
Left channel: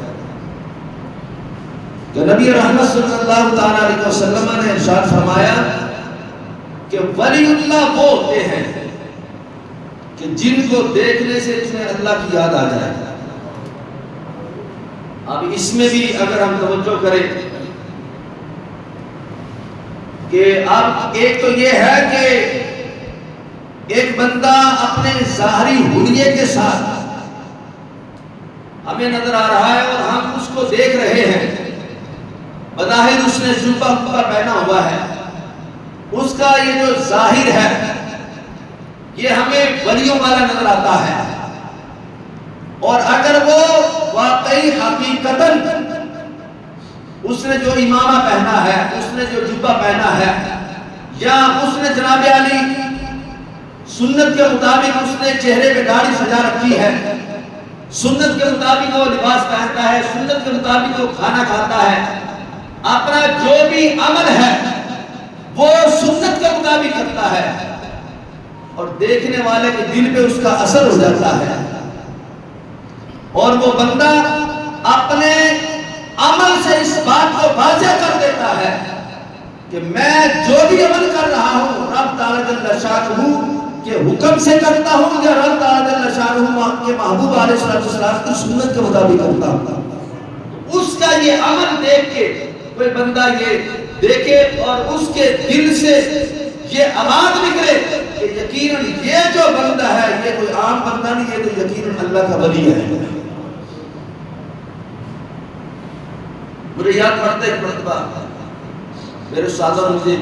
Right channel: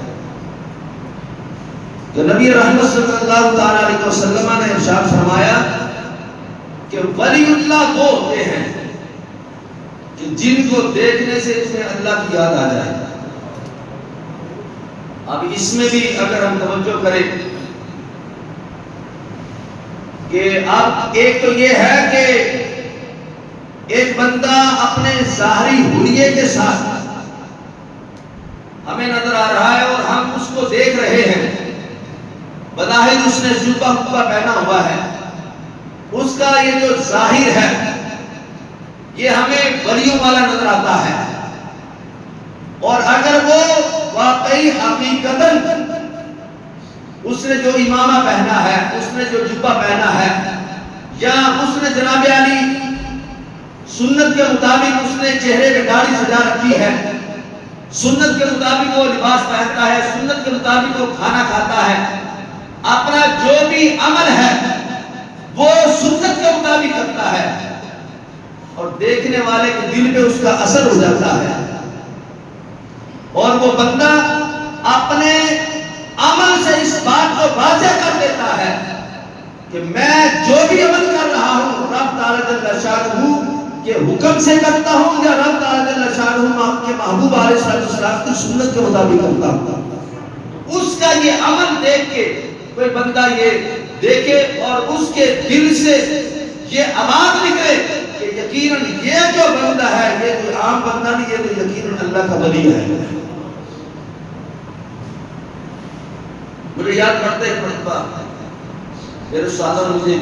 کہ نبی رحمت صلی اللہ تعالیٰ علیہ وسلم نے ارشاد فرمایا کہ ولی اللہ وہ ہوتے ہیں کہ جن کو دیکھنے سے تمہیں اللہ کی یاد آ جائے۔ اب اس میں بھی اگر ہم توجہ کریں کہ اب ایک تو یہ ہے کہ ایک بندہ اپنے ظاہری حلیے کے ساتھ ہمیں نظر آ رہا ہے اور ہم اس کو دیکھ رہے ہیں، بظاہر اس نے جبہ پہنا ہوا ہے، اس کا یہ جو ظاہر ہے یہ ہمیں ولیوں والا نظر آتا ہے، اور اگر وہ واقعی حقیقتاً اس نے جو امامہ پہنا ہے، اس نے جو جبہ پہنا ہے، یا اس نے جناب علی سنت کے مطابق اس نے چہرے پہ داڑھی سجا رکھی ہے، سنت کے مطابق وہ لباس پہنتا ہے، سنت کے مطابق وہ کھانا کھاتا ہے، اپنا جو بھی عمل ہے وہ سنت کے مطابق کرتا ہے، اور دیکھنے والے کے دل پہ اس کا اثر ہو جاتا ہے، اور وہ بندہ اپنے عمل سے اس بات کو واضح کر دیتا ہے کہ میں جو بھی عمل کر رہا ہوں رب تعالیٰ جل شانہ کے حکم سے کرتا ہوں یا رب تعالیٰ جل شانہ کے محبوب علیہ السلام کی سنت کے مطابق کرتا ہوں. اس کا یہ عمل دیکھ کے کوئی بندہ یہ دیکھے اور اس کے دل سے یہ آواز نکلے کہ یقیناً یہ جو بندہ ہے یہ کوئی عام بندہ نہیں، یہ تو یقیناً اللہ کا ولی ہے. مجھے یاد پڑتا ہے ایک مرتبہ میرے استاد نے مجھے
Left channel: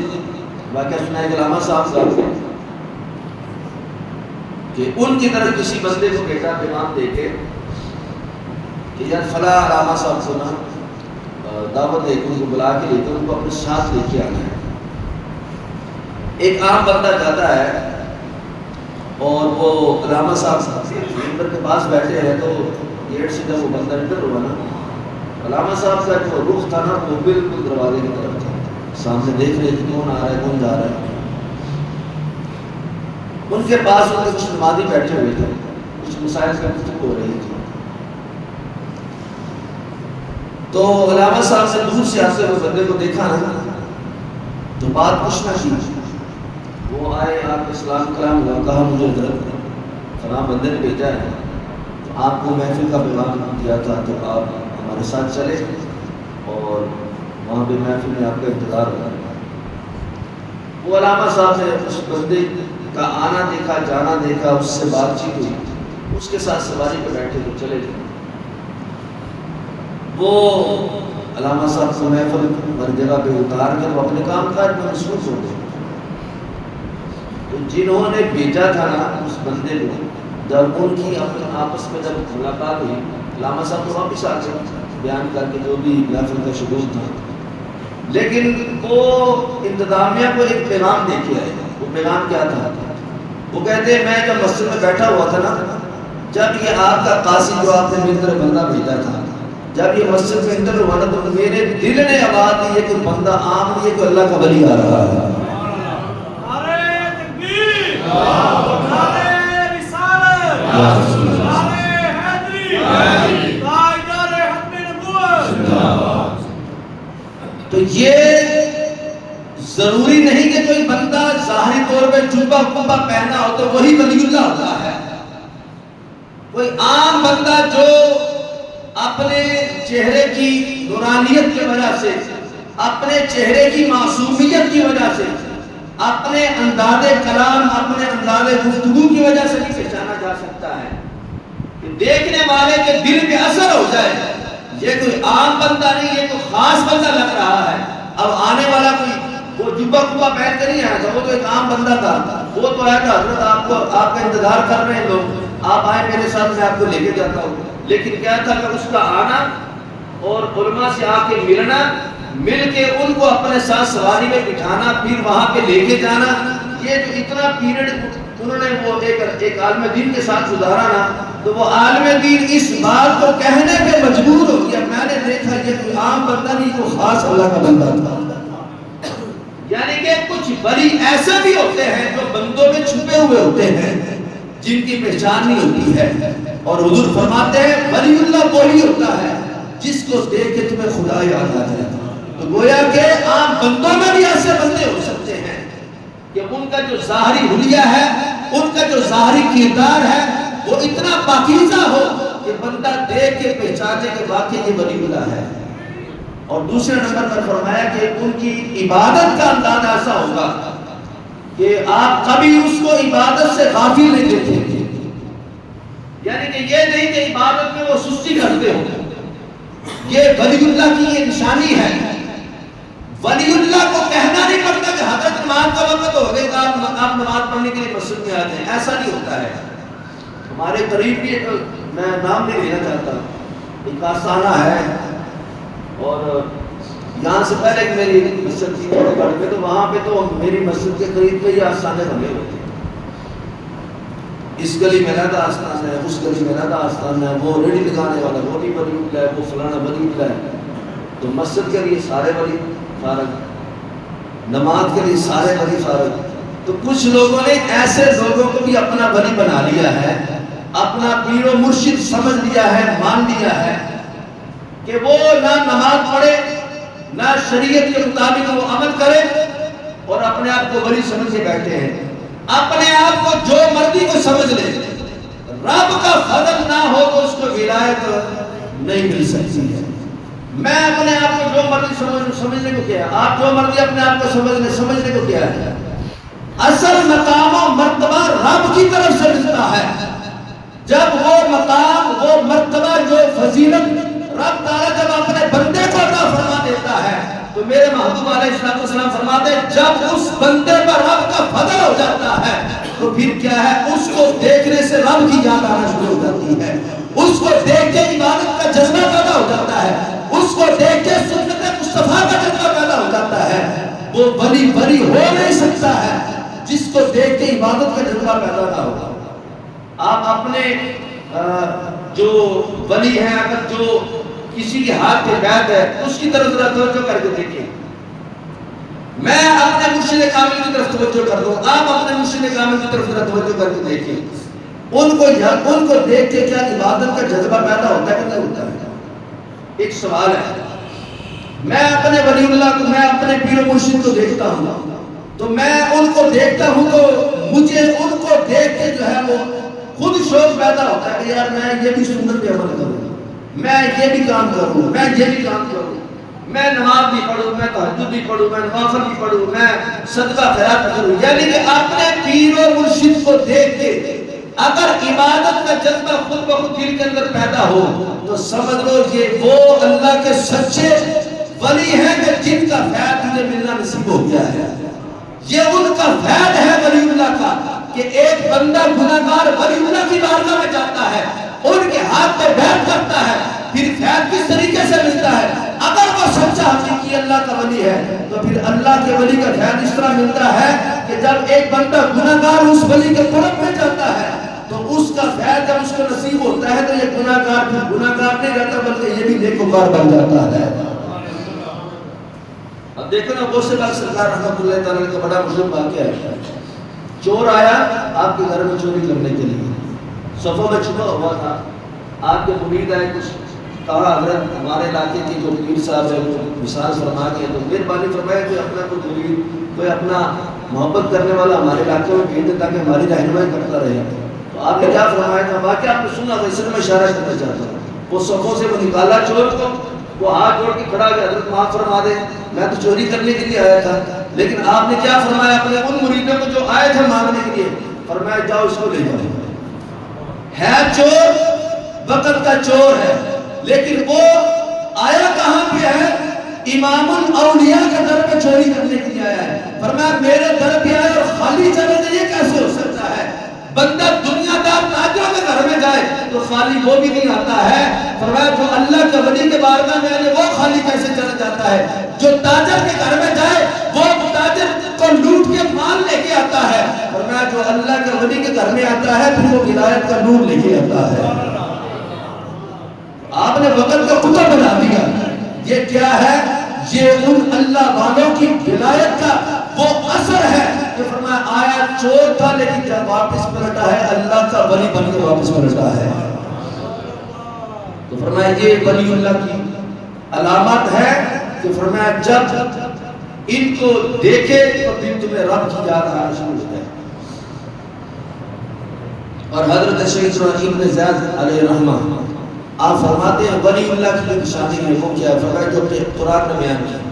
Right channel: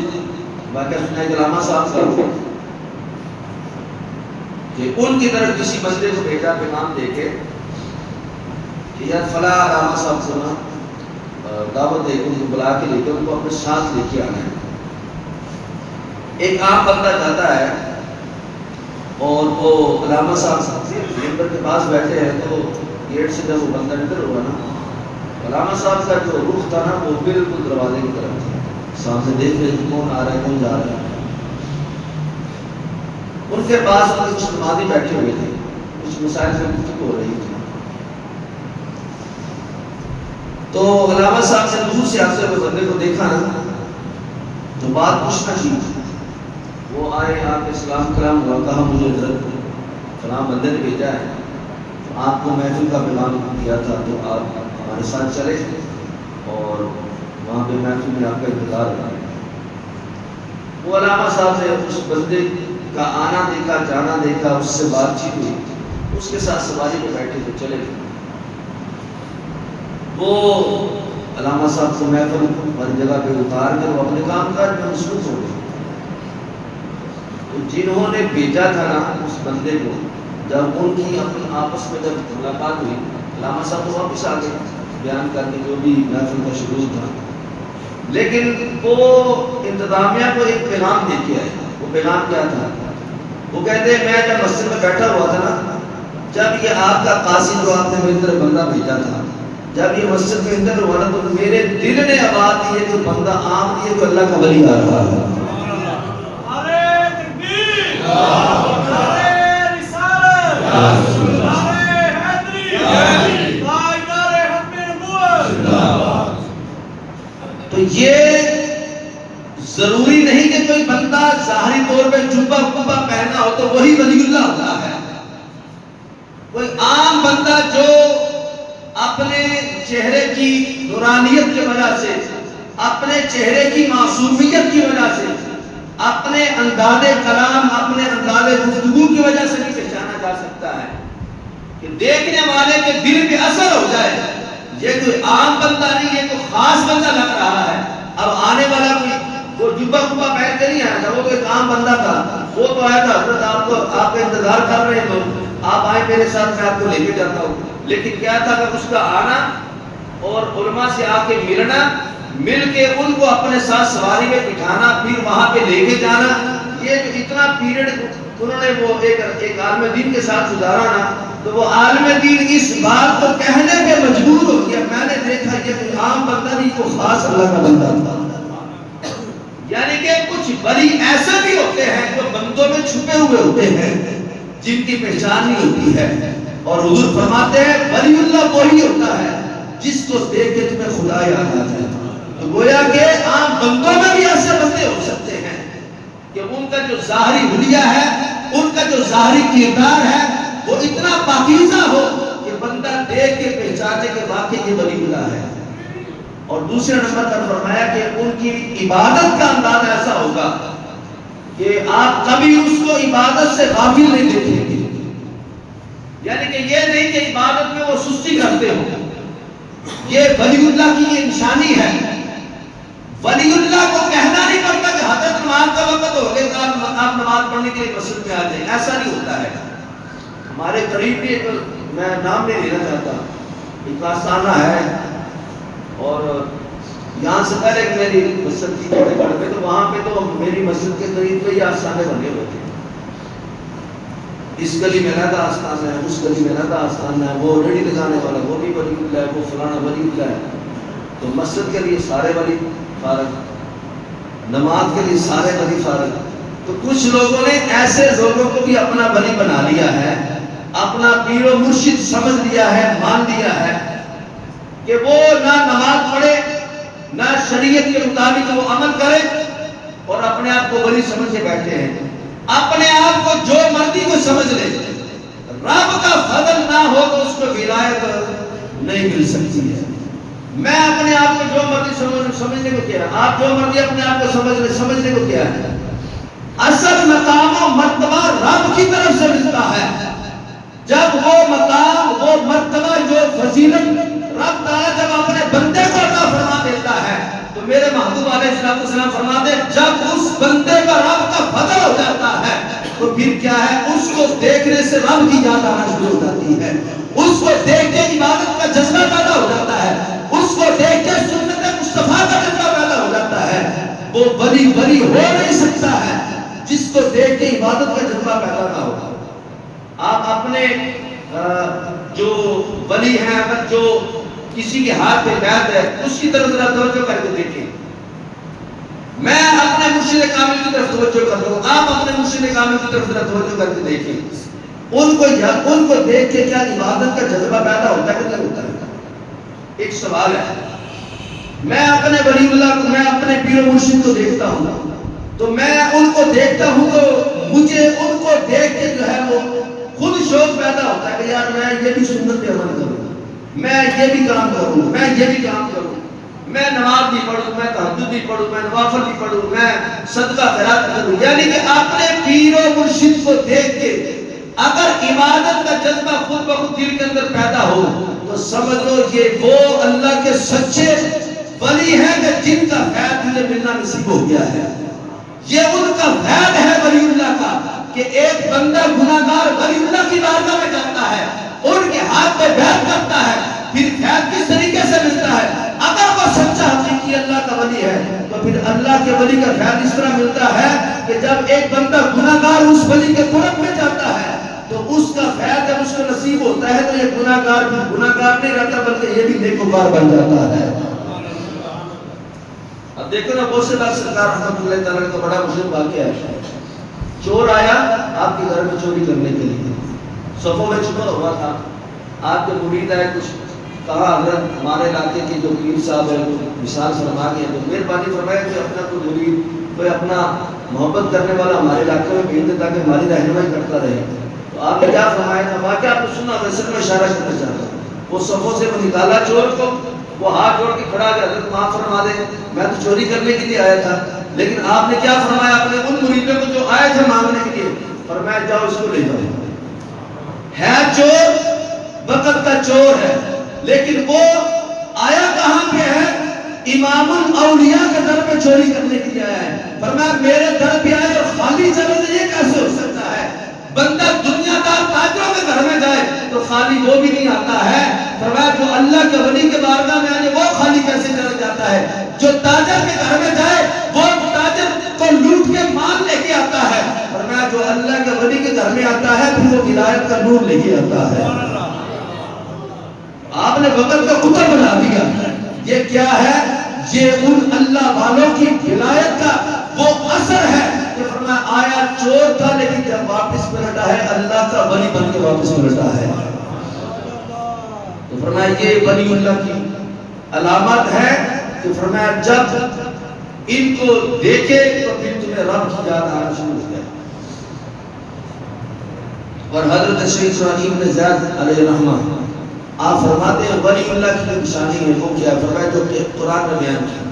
واقعہ سنایا علامہ صاحب کا کہ ان کی طرف کسی بندے کو بھیجا پیغام دے کے کہ یار فلاں علامہ صاحب کو نا دعوت دے کے ان کو بلا کے لے کے ان کو اپنے ساتھ لے کے آنا ہے. ایک عام بندہ جاتا ہے اور وہ علامہ صاحب ممبر کے پاس بیٹھے ہیں تو گیٹ سے جب وہ بندہ انٹر ہوا نا علامہ صاحب کا جو رخ تھا نا وہ بالکل دروازے کی طرف تھا. سامنے دیکھ رہے تھے کون آ رہا ہے کون جا رہا ہے. ان کے پاس ان کے کچھ نمازی بیٹھے ہوئے تھے، کچھ مسائل سے گفتگو ہو رہی تھی. تو علامہ صاحب نے دور سے آتے ہوئے بندے کو دیکھا نا تو بات پوچھنا کی. وہ آئے آپ کے سلام کرام ہوا، کہا مجھے ادھر فلاں بندے نے بھیجا ہے تو آپ کو محفل کا پیغام دیا تھا تو آپ ہمارے ساتھ چلے اور وہاں پہ محفل میں آپ کا انتظار ہوا. وہ علامہ صاحب نے اس بندے کا آنا دیکھا جانا دیکھا، اس سے بات چیت ہوئی، اس کے ساتھ سواری پہ بیٹھے تو چلے گئے. وہ علامہ صاحب سے محفل ہر جگہ پہ اتار کے وہ اپنے کام کاج میں مصروف ہو گئے. جنہوں نے بھیجا تھا نا اس بندے کو، جب ان کی اپنے آپس میں جب ملاقات ہوئی علامہ صاحب تو واپس آ گئے بیان کر کے جو بھی محفل کا شروع تھا. لیکن وہ انتظامیہ کو ایک پیغام دے کے آئے. وہ پیغام کیا تھا؟ وہ کہتے ہیں میں جب مسجد میں بیٹھا ہوا تھا نا، جب یہ آپ کا قاصد جو آپ نے میری طرف بندہ بھیجا تھا، جب یہ مسجد میں انٹر ہوا نا تو میرے دل نے آواز دی ہے کہ بندہ عام نہیں ہے، کہ اللہ کا ولی آ رہا ہے. تو یہ ضروری نہیں کہ کوئی بندہ ظاہری طور پہ جبہ کبہ پہنا ہو تو وہی ولی اللہ ہوتا ہے. کوئی عام بندہ جو اپنے چہرے کی نورانیت کی وجہ سے، اپنے چہرے کی معصومیت کی وجہ سے، اپنے انداز کلام، اپنے انداز گفتگو کی وجہ سے نہیں پہچانا جا سکتا ہے کہ دیکھنے والے کے دل پہ اثر ہو جائے یہ کوئی عام بندہ نہیں، یہ کوئی خاص بندہ لگ رہا ہے. اب آنے والا کوئی وہ جبہ کبہ پہن کے نہیں آیا تھا، وہ تو ایک عام بندہ تھا. وہ تو آیا تھا حضرت آپ کا انتظار کر رہے ہیں لوگ، آپ آئے میرے ساتھ میں آپ کو لے کے جاتا ہوں. لیکن کیا تھا کہ اس کا آنا اور علماء سے آ کے ملنا، مل کے ان کو اپنے ساتھ سواری میں بٹھانا، پھر وہاں پہ لے کے جانا، یہ جو اتنا پیریڈ انہوں نے وہ ایک عالم دین کے ساتھ گزارا نا، تو وہ عالم دین اس بات کو کہنے پہ مجبور ہو گیا میں نے دیکھا یہ کوئی عام بندہ نہیں، تو خاص اللہ کا بندہ تھا. یعنی کہ کچھ ولی ایسے بھی ہوتے ہیں جو بندوں میں چھپے ہوئے ہوتے ہیں جن کی پہچان نہیں ہوتی ہے. اور حضور فرماتے ہیں ولی اللہ وہی ہوتا ہے جس کو دیکھ کے تمہیں خدا یاد آ جائے. تو گویا کہ عام بندوں میں بھی ایسے بندے ہو سکتے ہیں کہ ان کا جو ظاہری حلیہ ہے، ان کا جو ظاہری کردار ہے وہ اتنا پاکیزہ ہو کہ بندہ دیکھ کے پہچانے کے واقعی یہ ولی اللہ ہے. اور دوسرے نمبر پر فرمایا کہ ان کی عبادت کا انداز ایسا ہوگا کہ آپ کبھی اس کو عبادت سے غافل نہیں دیکھیں گے. یعنی کہ یہ نہیں کہ عبادت میں وہ سستی کرتے ہوں. یہ ولی اللہ کی یہ نشانی ہے. ولی اللہ کو کہنا نہیں پڑتا کہ حضرت نماز کا وقت ہو گیا آپ نماز پڑھنے کے لیے مسجد میں آ جائیں، ایسا نہیں ہوتا ہے. ہمارے قریب بھی میں نام نہیں لینا چاہتا، ایک آستانہ ہے اور یہاں سے پہلے میری مسجد تھی چنڈی گڑھ میں، تو وہاں پہ تو میری مسجد کے قریب پہ یہ آستانے بنے ہوئے تھے. اس گلی میں رہتا آستان ہے، اس گلی میں رہتا آستان ہے، وہ ریڑھی دکھانے والا وہ بھی ولی اللہ ہے، وہ فلانا ولی اللہ ہے. تو مسجد کے لیے سارے ولی فارغ، نماز کے لیے سارے ولی فارغ. تو کچھ لوگوں نے ایسے لوگوں کو بھی اپنا ولی بنا لیا ہے اپنا پیر و مرشد سمجھ لیا ہے، مان لیا ہے کہ وہ نہ نماز پڑھے نہ شریعت کے مطابق وہ عمل کرے اور اپنے آپ کو ولی سمجھ کے بیٹھے ہیں، اپنے آپ کو جو مرضی کو سمجھ لے، رب کا فضل نہ ہو تو اس کو ولایت نہیں مل سکتی ہے۔ میں اپنے آپ کو جو مرضی سمجھنے کو کیا، آپ جو مرضی اپنے آپ کو سمجھنے کو کیا ہے، اصل مقام و مرتبہ رب کی طرف سے ملتا ہے۔ جب وہ مقام، وہ مرتبہ، جو فضیلت رب تعالیٰ جب اپنے بندے کو عطا فرما دیتا ہے تو میرے محبوب علیہ السلام فرماتے ہیں جب اس بندے پر رب کا فضل ہو جاتا ہے تو پھر کیا ہے، اس کو دیکھنے سے رب کی یاد آنا شروع ہو جاتی ہے، اس کو دیکھ کے عبادت کا جذبہ پیدا ہو جاتا ہے، اس کو دیکھ کے سنت مصطفیٰ کا جذبہ پیدا ہو جاتا ہے۔ وہ ولی ہو نہیں سکتا ہے جس کو دیکھ کے عبادت کا جذبہ پیدا نہ ہو۔ آپ اپنے جو ولی ہیں، اگر جو کسی کے ہاتھ پہ بیعت ہے اس کی طرف ذرا توجہ کر کے دیکھیں۔ میں اپنے مرشد کامل کی طرف توجہ کر دوں، آپ اپنے مرشد کامل کی طرف ذرا توجہ کر کے دیکھیں، ان کو دیکھ کے کیا عبادت کا جذبہ پیدا ہوتا ہے کہ نہیں ہوتا ہے؟ ایک سوال ہے۔ میں اپنے ولی اللہ کو، میں اپنے پیر و مرشد کو دیکھتا ہوں تو میں ان کو دیکھتا ہوں تو مجھے ان کو دیکھ کے جو ہے وہ خود شوق پیدا ہوتا ہے کہ یار میں یہ بھی سنت پہ عمل کروں، میں یہ بھی کام کروں، میں یہ بھی کام کروں، میں نماز بھی پڑھوں، میں تہجد بھی پڑھوں، میں نوافل بھی پڑھوں، میں صدقہ خیرات کروں۔ یعنی کہ اپنے پیر و مرشد کو دیکھ کے اگر عبادت کا جذبہ خود بخود دل کے اندر پیدا ہو تو سمجھ لو یہ وہ اللہ کے سچے ولی ہیں کہ جن کا فیض تجھے ملنا نصیب ہو گیا ہے۔ یہ ان کا فیض ہے ولی اللہ کا کہ ایک بندہ گناہگار ولی اللہ کی بارگاہ میں جاتا ہے، ان کے ہاتھ پہ بیعت کرتا ہے، پھر فیض کس طریقے سے ملتا ہے؟ اگر وہ سچا حقیقی اللہ کا ولی ہے تو پھر اللہ کے ولی کا فیض اس طرح ملتا ہے کہ جب ایک بندہ گناہگار اس ولی کے قرب میں جاتا ہے تو اس کا فیض جب اس کو نصیب ہوتا ہے تو یہ گناہگار پھر گناہگار نہیں رہتا بلکہ یہ بھی نیکوکار بن جاتا ہے۔ اب دیکھو نا، بہت سے بار سرکار رحمۃ اللہ تعالیٰ کا بڑا مشہور واقعہ ہے۔ چور آیا آپ کے گھر میں چوری کرنے کے لیے، صفوں میں چھپا ہوا تھا، آپ کے مرید آئے، کچھ کہا حضرت ہمارے علاقے کے جو پیر صاحب ہے وہ مثال فرما کے تو مہربانی فرمایا کوئی اپنا کوئی مرید، کوئی اپنا محبت کرنے والا ہمارے علاقے میں بھیج دے تاکہ ہماری رہنمائی کرتا رہے۔ تو آپ نے کیا فرمایا تھا؟ واقعہ آپ نے سنا تھا، اس میں اشارہ کرنا چاہتا ہوں۔ وہ صفوں سے وہ نکالا چور کو، وہ ہاتھ جوڑ کے کھڑا گیا، حضرت معاف فرما دے، میں تو چوری کرنے کے لیے آیا تھا۔ لیکن آپ نے کیا فرمایا اپنے ان مریدوں کو جو آئے تھے مانگنے کے لیے؟ فرمایا جاؤ اس کو لے جاؤ، ہے چور، وقت کا چور ہے، لیکن وہ آیا کہاں پہ ہے؟ امام الاولیاء کے در پہ چوری کرنے کے لیے آیا ہے۔ فرمایا میرے در پہ آئے اور خالی چلے تو یہ کیسے ہو سکتا ہے؟ بندہ دنیا دار تاجروں کے گھر میں جائے تو خالی وہ بھی نہیں آتا ہے۔ فرمایا جو اللہ کے ولی کے بارگاہ میں آئے وہ خالی کیسے چلا جاتا ہے؟ جو تاجر کے گھر میں جائے وہ تاجر کو لوٹ کے مال لے کے آتا ہے۔ فرمایا جو اللہ کے ولی کے گھر میں آتا ہے پھر وہ ولایت کا نور لے کے آتا ہے۔ آپ نے وقت کا کتا بنا دیا۔ یہ کیا ہے؟ یہ ان اللہ والوں کی ولایت کا وہ اثر ہے کہ فرمایا آیا چور تھا لیکن جب واپس پلٹا ہے اللہ کا ولی بن کے واپس پلٹا ہے۔ تو فرمایا یہ ولی اللہ کی علامت ہے کہ فرمایا جب ان کو دیکھے تو پھر تمہیں رب کی یاد آنا شروع ہو جائے۔ اور حضرت شیخ ابراہیم بن زیاد علیہ رحمہ آپ فرماتے ہیں ولی اللہ کی نشانی ہے وہ کیا ہے؟ فرمایا جو کہ قرآن میں بیان کی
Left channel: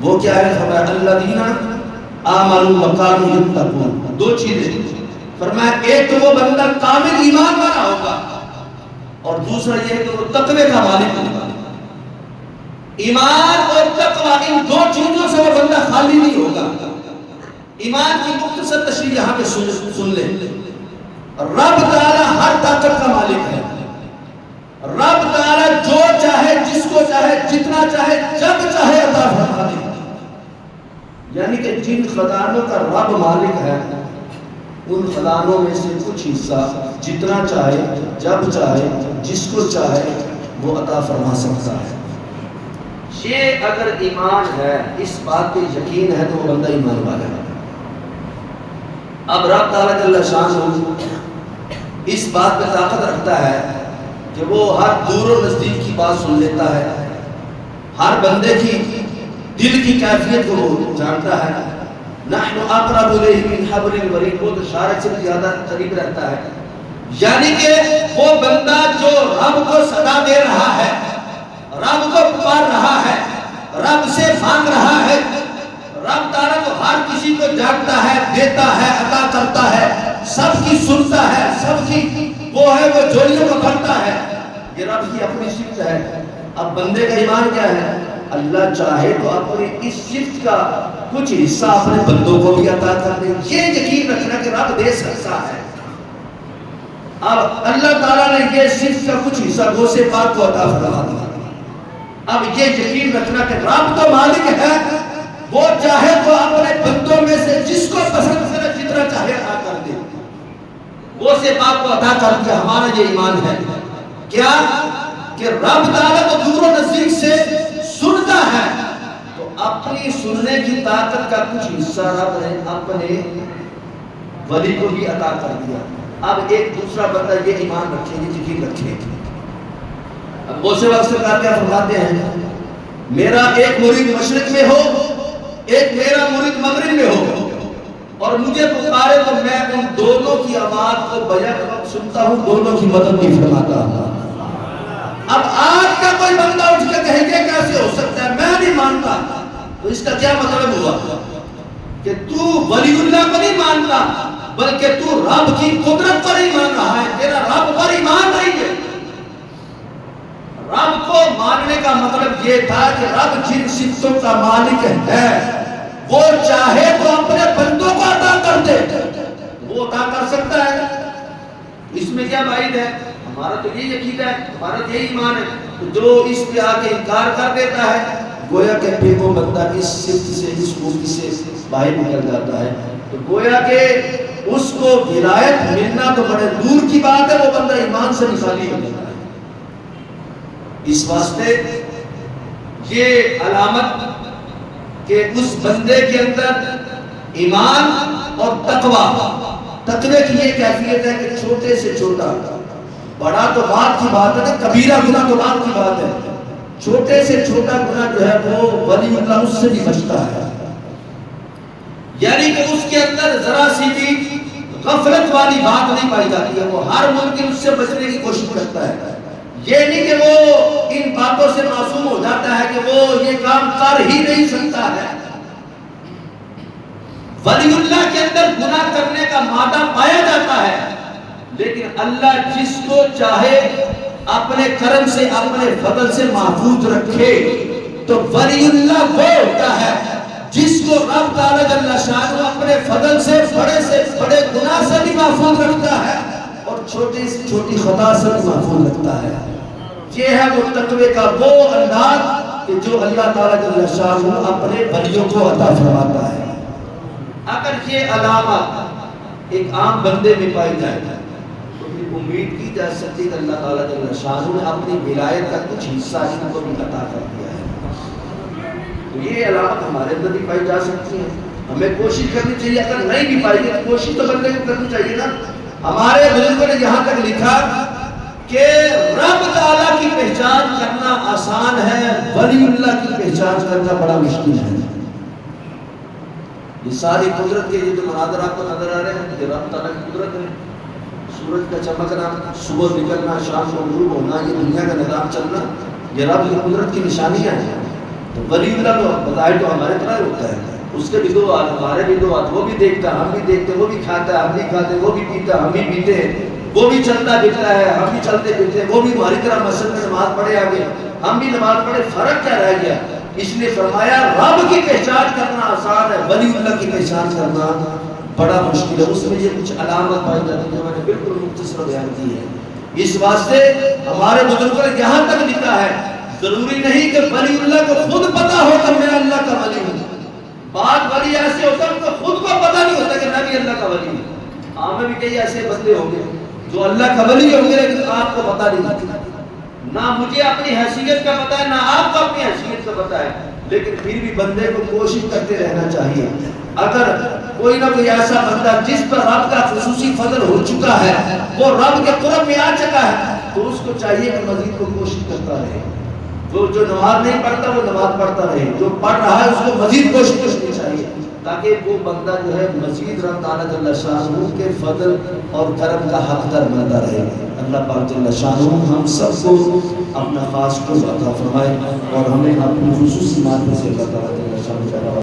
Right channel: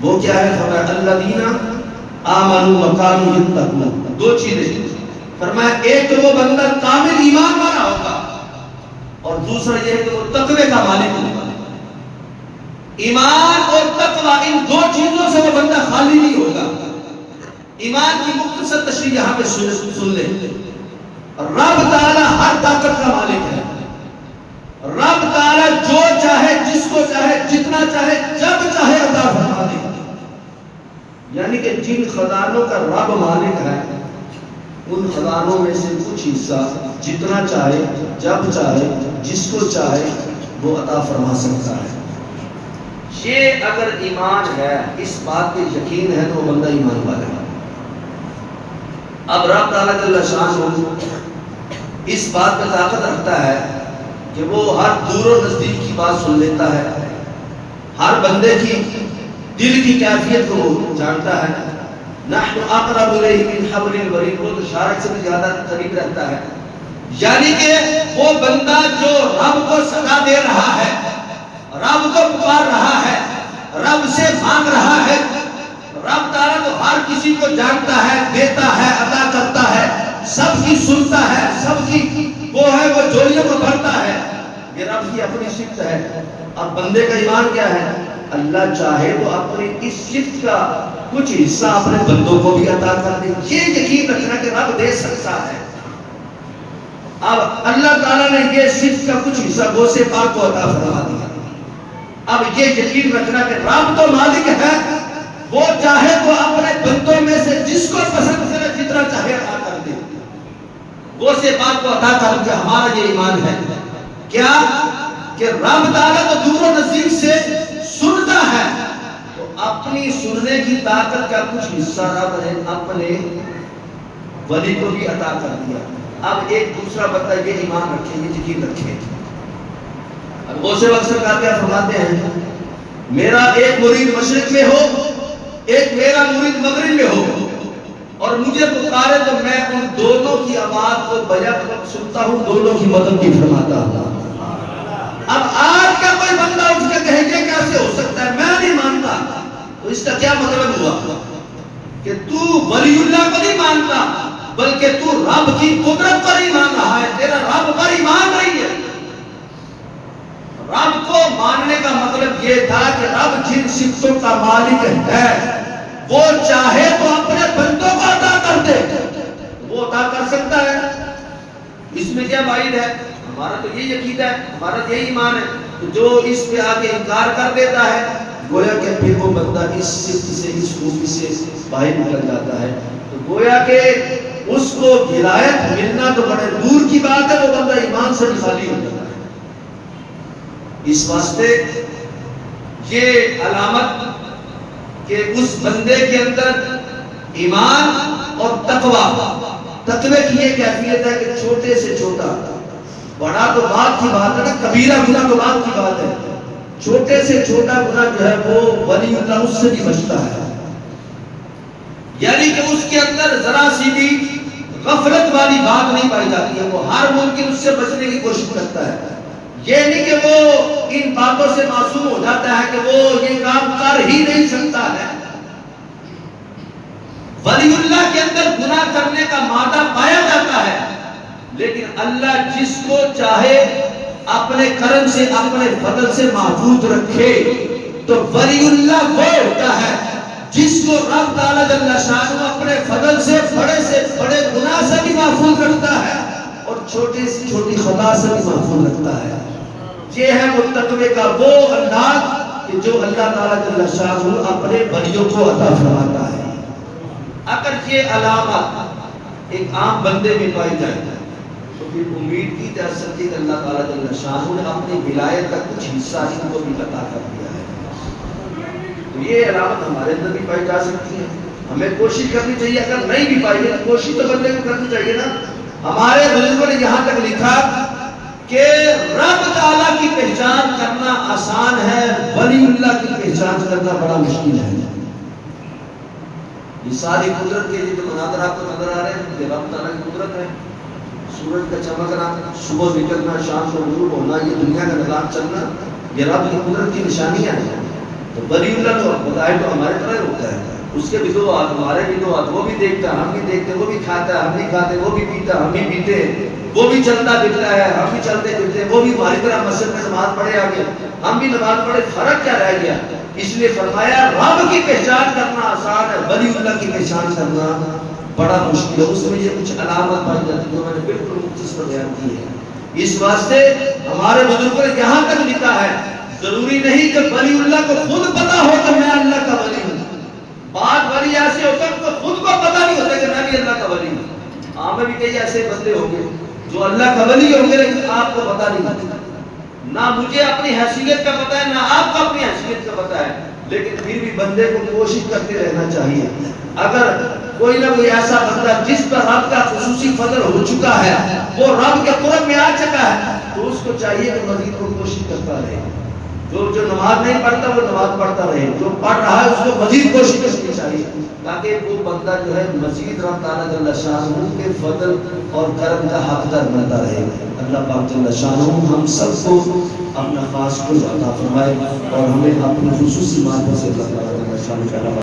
وہ کیا ہے؟ فرمایا الذین آمنوا وکانوا یتقون۔ دو چیزیں، فرمایا ایک تو وہ بندہ کامل ایمان والا ہوگا اور دوسرا یہ کہ وہ تقوی کا مالک ہوگا۔ ایمان اور تقوی ان دو چیزوں سے وہ بندہ خالی نہیں ہوگا۔ ایمان کی مختصر تشریح یہاں پہ سن لیں۔ رب تعالی ہر طاقت کا مالک ہے، رب تعالی جو چاہے جس کو چاہے جتنا چاہے جب چاہے عطا فرما دے۔ یعنی کہ جن خزانوں کا رب مالک ہے ان خزانوں میں سے کچھ حصہ جتنا چاہے جب چاہے جس کو چاہے وہ عطا فرما سکتا ہے۔ یہ اگر ایمان ہے، اس بات پہ یقین ہے تو بندہ ایمان والا ہے۔ اب رب تعالیٰ جل شان ہو اس بات میں طاقت رکھتا ہے کہ وہ ہر دور و نزدیک کی بات سن لیتا ہے، ہر بندے کی دل کی کیفیت کو وہ جانتا ہے۔ نحن اقرب الیہ من حبل الورید، وہ تو شارک سے بھی زیادہ قریب رہتا ہے، یعنی کہ وہ بندہ جو رب کو صدا دے رہا ہے، رب کو پکار رہا ہے، رب سے مانگ رہا ہے، رب تعالیٰ تو ہر کسی کو جانتا ہے، دیتا ہے، عطا کرتا ہے، سب کی سنتا ہے، سب کی وہ ہے، وہ جوڑیوں کو بھرتا ہے، یہ رب کی اپنی صفت ہے۔ اب بندے کا ایمان کیا ہے؟ اللہ چاہے تو اپنی اس صفت کا کچھ حصہ اپنے بندوں کو بھی عطا کر دے، یہ یقین رکھنا کہ رب دے سکتا ہے۔ اب اللہ تعالیٰ نے یہ صفت کا کچھ حصہ غوث پاک کو عطا فرما دیا۔ اب یہ یقین رکھنا کہ رب تو مالک ہے، وہ چاہے تو اپنے بندوں میں سے جس کو پسند کرے جتنا چاہے عطا کر دے، غوث پاک کو عطا کر دیا۔ ہمارا یہ ایمان ہے کیا کہ رب تعالیٰ تو دور و نزدیک سے سنتا ہے، تو اپنی سننے کی طاقت کا کچھ حصہ رب نے اپنے ولی کو بھی عطا کر دیا۔ اب ایک دوسرا بندہ یہ ایمان رکھے، یہ یقین رکھے۔ اب غوث پاک سرکار کیا فرماتے ہیں؟ میرا ایک مرید مشرق میں ہو، ایک میرا مرید مغرب میں ہو، اور مجھے پکارے تو میں ان دونوں کی آواز کو بیک وقت سنتا ہوں، دونوں کی مدد بھی فرماتا ہوں۔ اب آج کا کوئی بندہ اٹھ کے کہے گا کیسے ہو سکتا ہے، میں نہیں مانتا، تو اس کا کیا مطلب ہوا کہ تو ولی اللہ کو نہیں مانتا، بلکہ تو رب کی قدرت پر ایمان رہا ہے، تیرا رب پر ایمان نہیں ہے۔ رب کو ماننے کا مطلب یہ تھا کہ رب جن صفتوں کا مالک ہے وہ چاہے تو اپنے بندوں کو عطا کر دے، وہ عطا کر سکتا ہے۔ اس میں کیا بعید ہے؟ ہمارا تو یہ یقین ہے، ہمارا یہی ایمان ہے۔ تو جو اس پہ آ کے انکار کر دیتا ہے، گویا کہ پھر وہ بندہ اس صفت سے، اس خوبی سے باہر نکل جاتا ہے۔ تو گویا کہ اس کو ولایت ملنا تو بڑے دور کی بات ہے، وہ بندہ ایمان سے خالی ہو جاتا ہے۔ اس واسطے یہ علامت کہ اس بندے کے اندر ایمان اور تقوی کی یہ کیفیت ہے کہ چھوٹے سے چھوٹا، بڑا تو بات کی بات ہے نا، کبیرہ گناہ تو بات کی بات ہے، چھوٹے سے چھوٹا گناہ جو ہے وہ ولی اللہ اس سے بھی بچتا ہے، یعنی کہ اس کے اندر ذرا سی بھی غفلت والی بات نہیں پائی جاتی ہے، وہ ہر ممکن اس سے بچنے کی کوشش کرتا ہے۔ یہ نہیں کہ وہ ان باتوں سے معصوم ہو جاتا ہے کہ وہ یہ کام کر ہی نہیں سکتا ہے۔ ولی اللہ کے اندر گناہ کرنے کا مادہ پایا جاتا ہے، لیکن اللہ جس کو چاہے اپنے کرم سے، اپنے فضل سے محفوظ رکھے، تو ولی اللہ وہ ہوتا ہے جس کو رب تعالیٰ جل شانہ اپنے فضل سے بڑے گناہ سے بھی محفوظ رکھتا ہے اور چھوٹی سے چھوٹی خطا سے بھی محفوظ رکھتا ہے۔ یہ ہے وہ تقوی کا وہ انداز کہ جو اللہ تعالیٰ جل شانہ اپنے ولیوں کو عطا فرماتا ہے۔ اگر یہ علامات ایک عام بندے میں پائی جائے تو پھر امید کی جا سکتی کہ اللہ تعالیٰ جل شانہ نے اپنی ولایت کا کچھ حصہ ان کو بھی عطا کر دیا ہے۔ تو یہ علامت ہمارے اندر بھی پائی جا سکتی ہے، ہمیں کوشش کرنی چاہیے۔ اگر نہیں بھی پائی ہے تو کوشش تو بندے کو کرنی چاہیے نا۔ ہمارے بزرگوں نے یہاں تک لکھا کہ رب تعالیٰ کی پہچان کرنا آسان ہے، ولی اللہ کی پہچان کرنا بڑا مشکل ہے۔ یہ ساری قدرت کے جو مناظر آپ کو نظر آ رہے ہیں یہ رب تعالیٰ کی قدرت ہے۔ سورج کا چمکنا، صبح نکلنا، شام کو غروب ہونا، یہ دنیا کا نظام چلنا، یہ رب کی قدرت کی نشانیاں ہیں۔ تو ولی اللہ تو بظاہر تو ہمارے طرح ہوتا ہے، اس کے بھی دو ہاتھ، ہمارے بھی دو ہاتھ، وہ بھی دیکھتا ہم بھی دیکھتے، وہ بھی کھاتا ہے ہم بھی کھاتے، وہ بھی پیتا ہم بھی پیتے، وہ بھی چلتا پھرتا ہے ہم بھی چلتے پھرتے، وہ بھی ہماری طرح مسجد میں نماز پڑھے آگے ہم بھی نماز پڑھے، فرق کیا رہ گیا؟ اس لیے فرمایا رب کی پہچان کرنا آسان ہے، ولی اللہ کی پہچان کرنا بڑا مشکل ہے۔ اس میں یہ کچھ علامت پائی جاتی ہے جو میں نے بالکل مختصر بیان کی ہے۔ اس واسطے ہمارے بزرگوں نے یہاں تک لکھا ہے ضروری نہیں کہ ولی اللہ کو خود پتا ہو کہ میں اللہ کا ولی ہوں۔ بعض ولی ایسے ہوتے ہیں تو خود کو پتا نہیں ہوتا کہ میں بھی اللہ کا ولی ہوں۔ ہمیں بھی کئی ایسے بندے ہوں گے جو اللہ کا ولی ہوں گے لیکن آپ کو پتا نہیں، نہ مجھے اپنی حیثیت کا پتا ہے نہ آپ کو اپنی حیثیت کا پتا ہے، لیکن پھر بھی بندے کو کوشش کرتے رہنا چاہیے. اگر کوئی نہ کوئی ایسا بندہ جس پر رب کا خصوصی فضل ہو چکا ہے، وہ رب کے قرب میں آ چکا ہے، تو اس کو چاہیے کہ مزید کو کوشش کرتا رہے. جو نماز نہیں پڑھتا وہ نماز پڑھتا رہے، جو پڑھ رہا ہے اس کو مزید کوشش کرنی چاہیے، تاکہ وہ بندہ جو ہے مزید رب تعالیٰ جل شانہ کے فضل اور کرم کا حقدار بنتا رہے. اللہ پاک جل شانہ ہم سب کو اپنا خاص کو عطا فرمائے اور ہمیں اپنی خصوصی معنی سے اللہ تعالیٰ جل شانہ